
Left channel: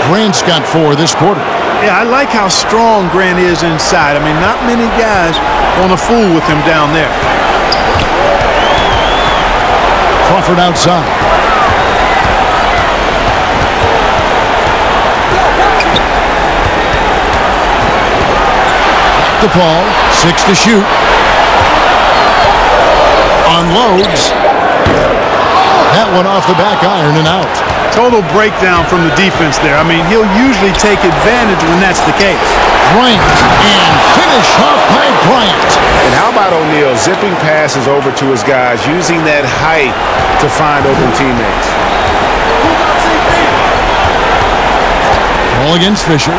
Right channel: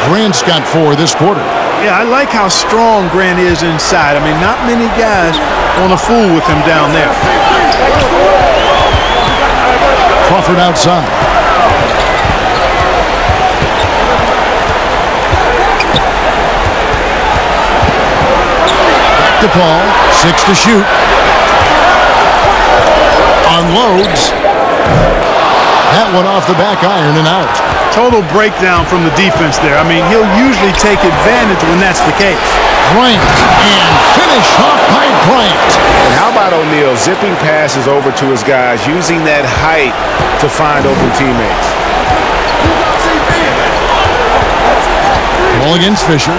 Grant's got 4 this quarter. Yeah, I like how strong Grant is inside. I mean, not many guys want to fool with him down there. Crawford outside. Back to Paul. 6 to shoot. Unloads. That one off the back iron and out. Total breakdown from the defense there. I mean, he'll usually take advantage when that's the case. Bryant, and finish off by Bryant. And how about O'Neal zipping passes over to his guys, using that height to find open teammates. Ball against Fisher.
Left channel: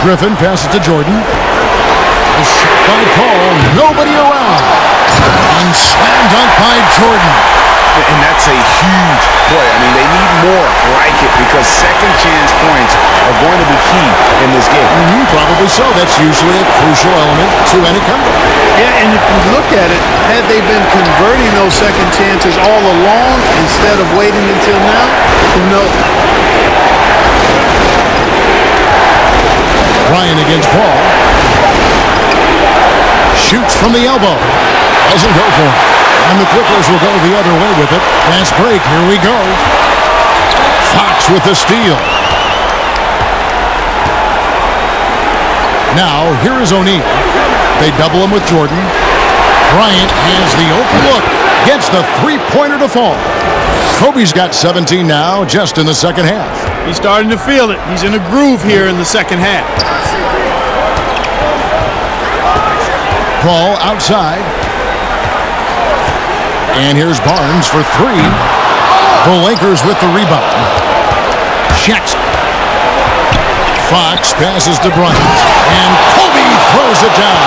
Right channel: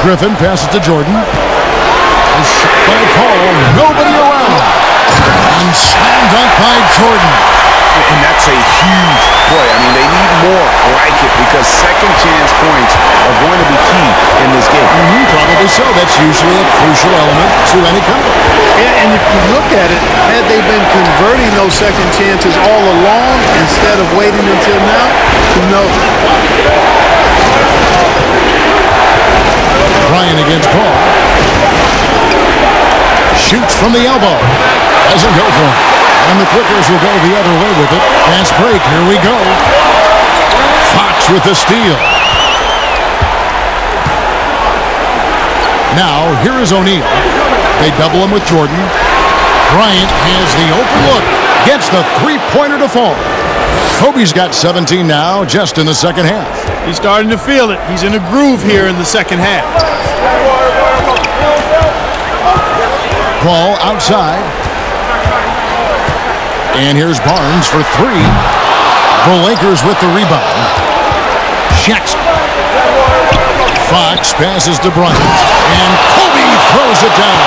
Griffin passes to Jordan. A shot by Paul, nobody around. And slam dunk by Jordan. And that's a huge play. I mean, they need more like it because second chance points are going to be key in this game. Probably so. That's usually a crucial element to any comeback. Yeah, and if you look at it, had they been converting those second chances all along instead of waiting until now, who knows? Bryant against Paul. Shoots from the elbow. Doesn't go for it. And the Clippers will go the other way with it. Fast break. Here we go. Fox with the steal. Now, here is O'Neal. They double him with Jordan. Bryant has the open look. Gets the three-pointer to fall. Kobe's got 17 now, just in the second half. He's starting to feel it. He's in a groove here in the second half. Paul outside. And here's Barnes for 3. The Lakers with the rebound. Jackson. Fox passes to Bryant. And Kobe throws it down.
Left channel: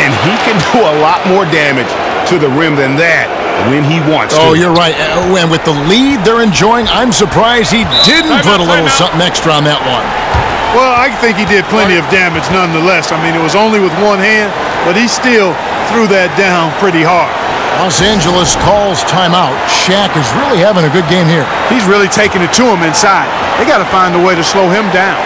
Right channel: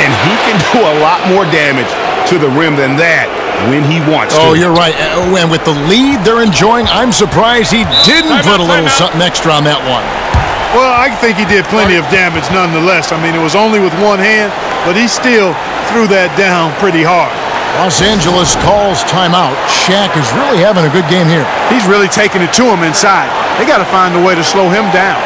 And he can do a lot more damage to the rim than that when he wants to. Oh, you're right. And with the lead they're enjoying, I'm surprised he didn't put a little something extra on that one. Well, I think he did plenty of damage nonetheless. I mean, it was only with one hand, but he still threw that down pretty hard. Los Angeles calls timeout. Shaq is really having a good game here. He's really taking it to him inside. They got to find a way to slow him down.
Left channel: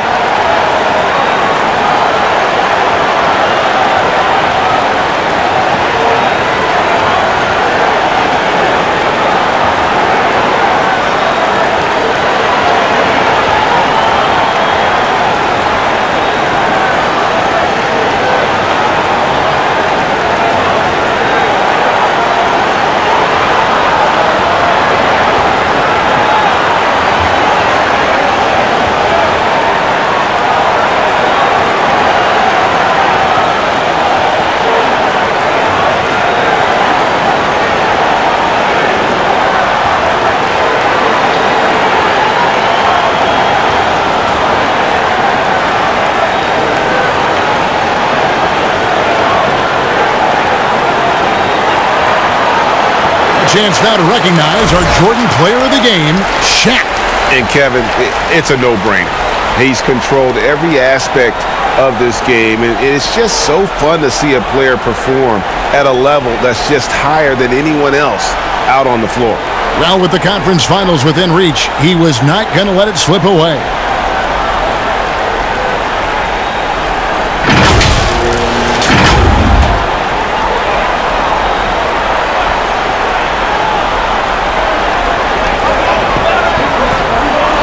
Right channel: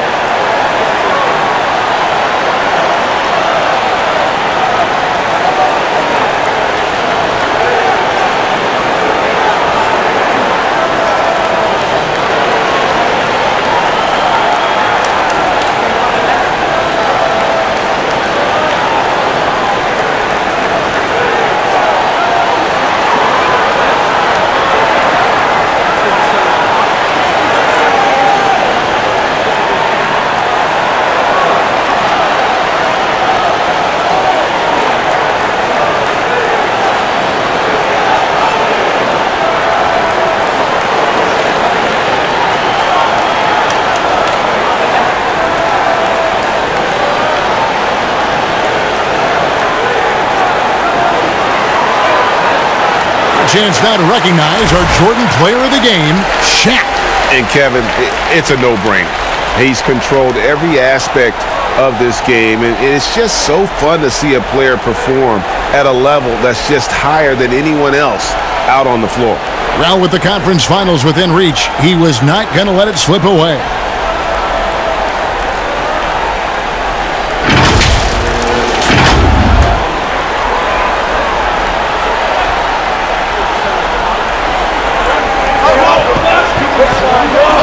Chance now to recognize our Jordan player of the game, Shaq. And Kevin, it's a no-brainer. He's controlled every aspect of this game, and it's just so fun to see a player perform at a level that's just higher than anyone else out on the floor. Well, with the conference finals within reach, he was not going to let it slip away.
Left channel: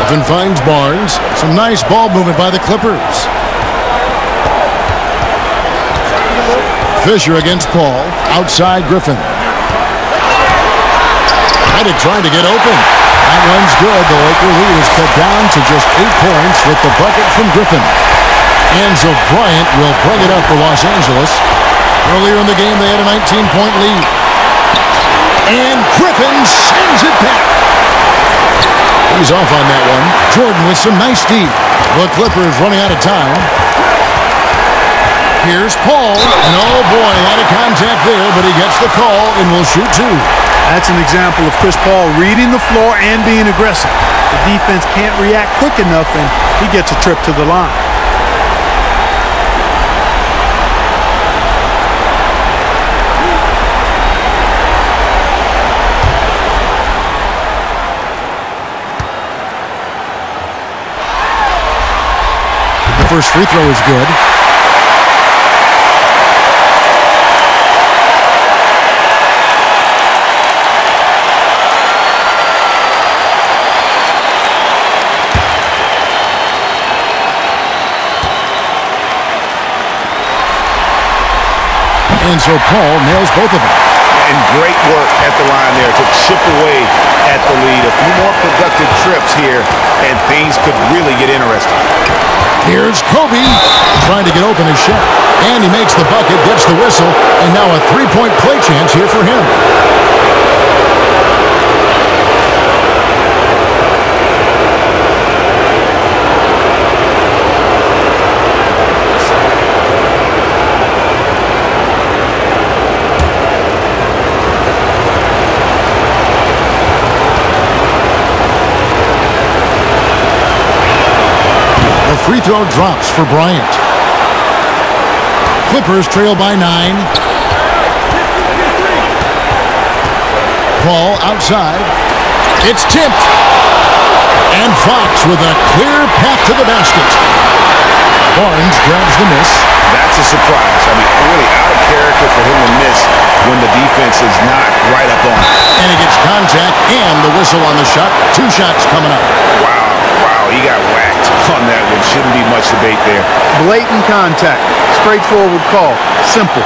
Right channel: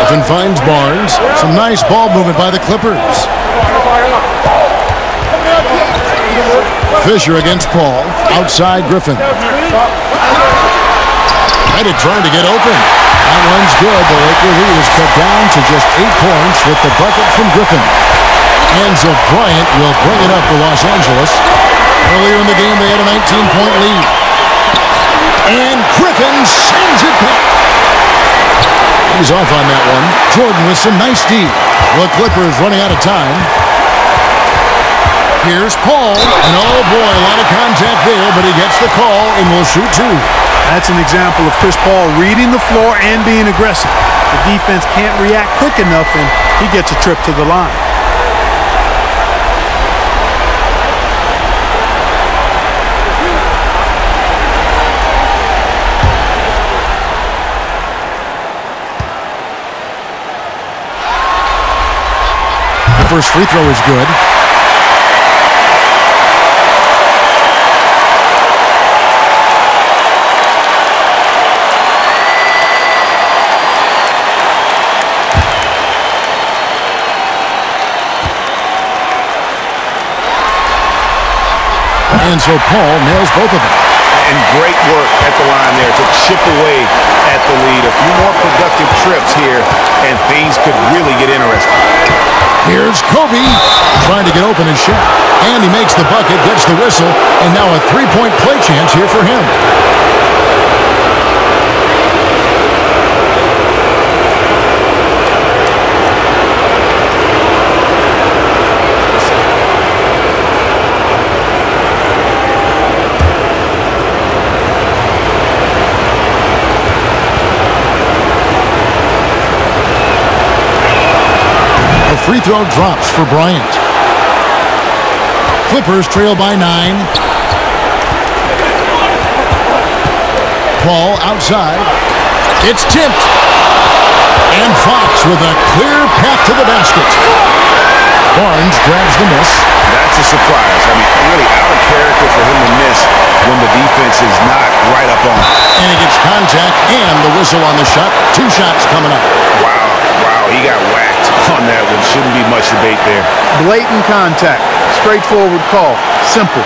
Griffin finds Barnes. Some nice ball movement by the Clippers. Fisher against Paul. Outside Griffin. Reddit trying to get open. That one's good. The Laker lead is cut down to just 8 points with the bucket from Griffin. Enzo Bryant will bring it up for Los Angeles. Earlier in the game, they had a 19-point lead. And Griffin sends it back. He's off on that one. Jordan with some nice D. The Clippers running out of time. Here's Paul. And oh boy, a lot of contact there, but he gets the call and will shoot two. That's an example of Chris Paul reading the floor and being aggressive. The defense can't react quick enough, and he gets a trip to the line. The first free throw is good. And so Paul nails both of them. And great work at the line there to chip away at the lead. A few more productive trips here, and things could really get interesting. Here's Kobe trying to get open his shot. And he makes the bucket, gets the whistle, and now a three-point play chance here for him. Free throw drops for Bryant. Clippers trail by 9. Paul outside. It's tipped. And Fox with a clear path to the basket. Barnes grabs the miss. That's a surprise. I mean, really out of character for him to miss when the defense is not right up on him. And he gets contact and the whistle on the shot. 2 shots coming up. Wow, he got whacked on that one. Shouldn't be much debate there. Blatant contact. Straightforward call. Simple.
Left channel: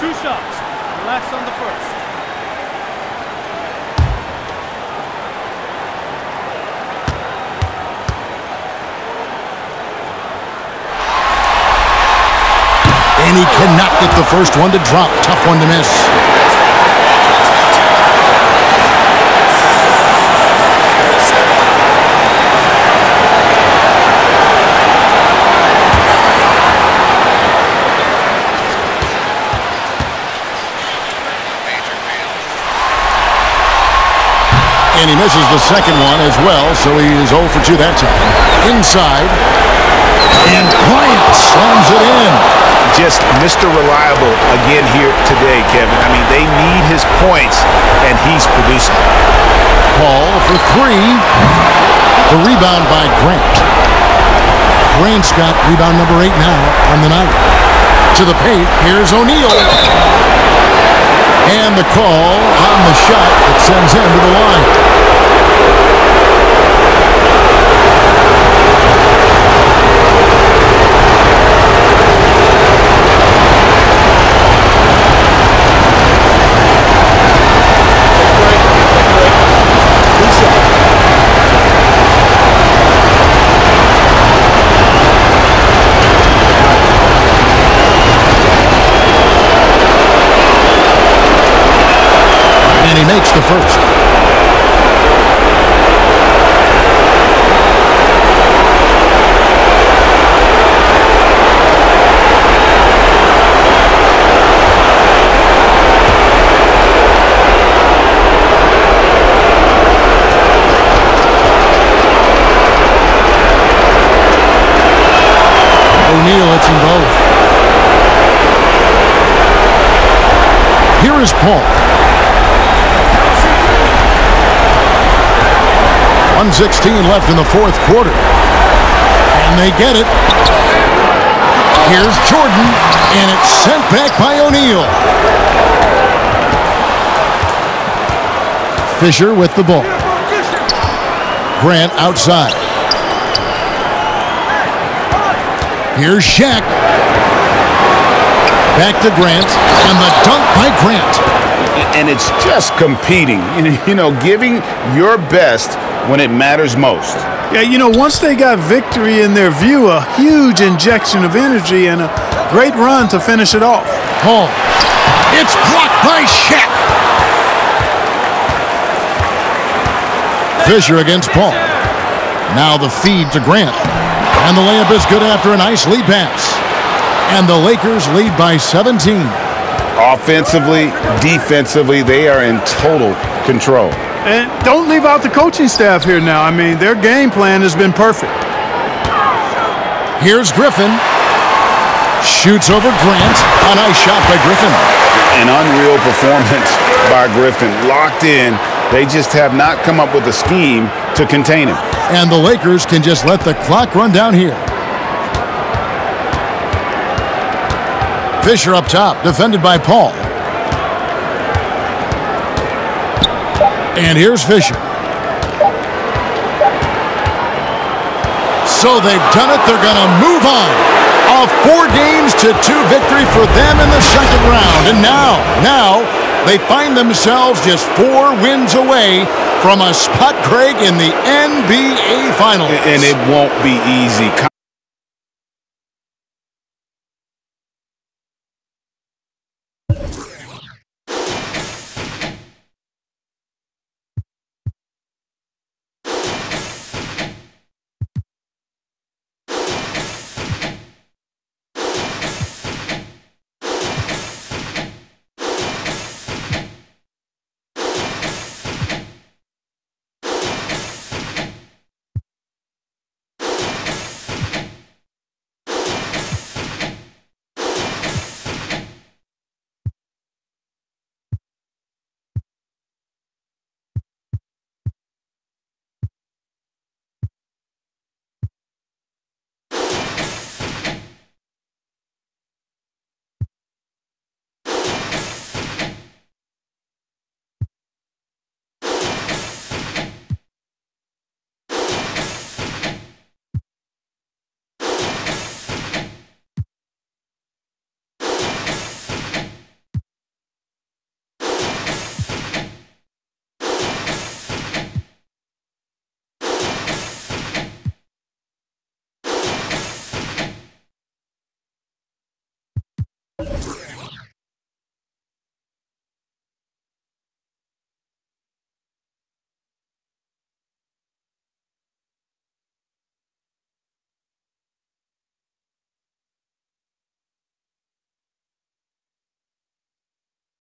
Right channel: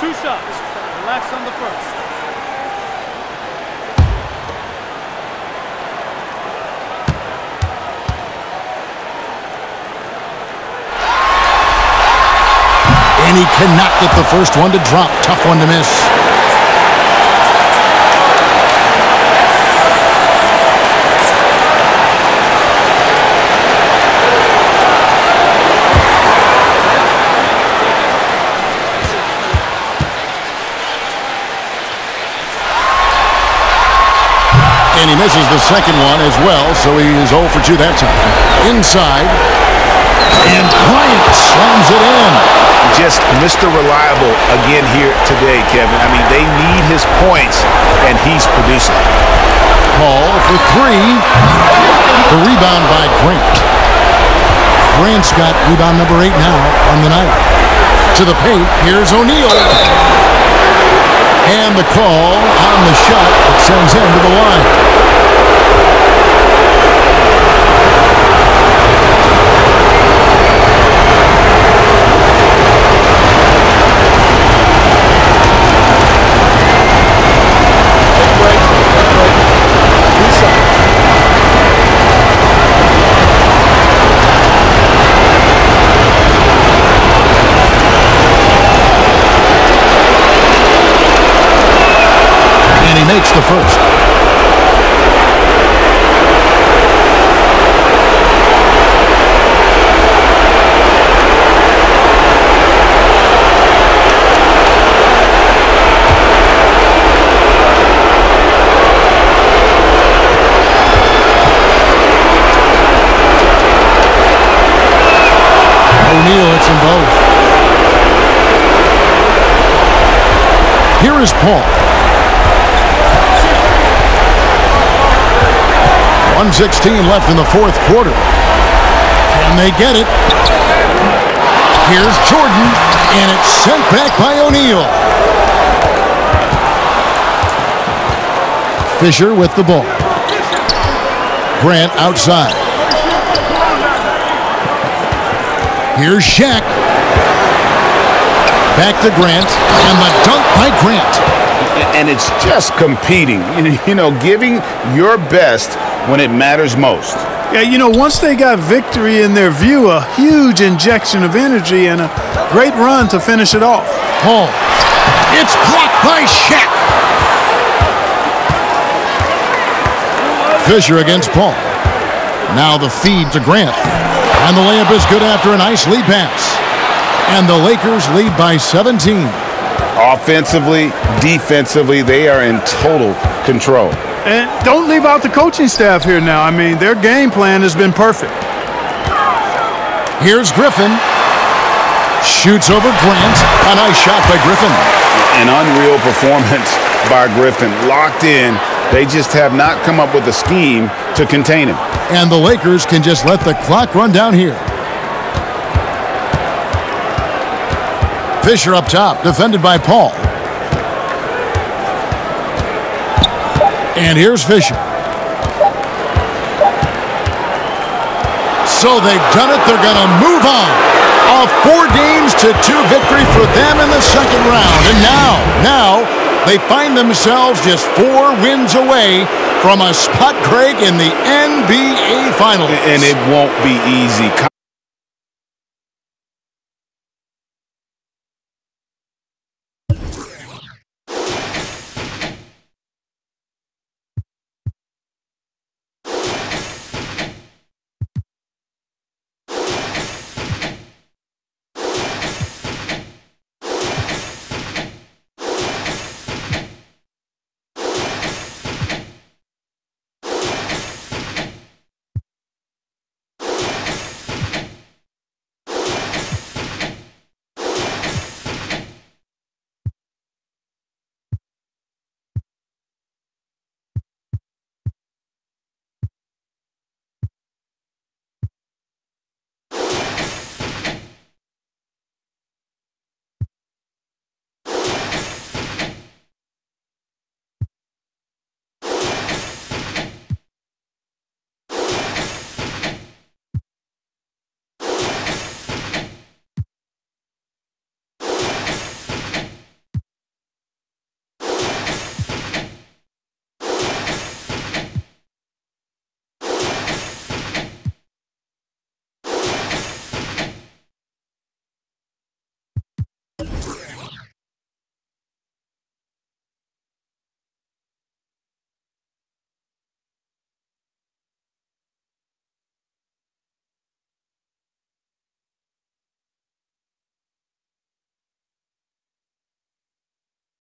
Two shots. Relax on the first. And he cannot get the first one to drop. Tough one to miss. And he misses the second one as well, so he is 0 for 2 that time. Inside. And Bryant slams it in. Just Mr. Reliable again here today, Kevin. I mean, they need his points, and he's producing. Paul for 3. The rebound by Grant. Grant's got rebound number 8 now on the night. To the paint, here's O'Neal. And the call on the shot that sends him to the line. And he makes the first. O'Neal hits them both. Here is Paul. 1:16 left in the fourth quarter. Can they get it? Here's Jordan, and it's sent back by O'Neal. Fisher with the ball. Grant outside. Here's Shaq. Back to Grant, and the dunk by Grant. And it's just competing, you know, giving your best when it matters most. Yeah, you know, once they got victory in their view, a huge injection of energy and a great run to finish it off. Hall. It's blocked by Shaq. Fisher against Paul. Now the feed to Grant. And the layup is good after a nice lead pass. And the Lakers lead by 17. Offensively, defensively, they are in total control. And don't leave out the coaching staff here now. I mean, their game plan has been perfect. Here's Griffin. Shoots over Grant. A nice shot by Griffin. An unreal performance by Griffin. Locked in. They just have not come up with a scheme to contain him. And the Lakers can just let the clock run down here. Fisher up top, defended by Paul. And here's Fisher. So they've done it. They're going to move on. A 4-2 victory for them in the second round. And now they find themselves just 4 wins away from a spot, Craig, in the NBA Finals. And it won't be easy.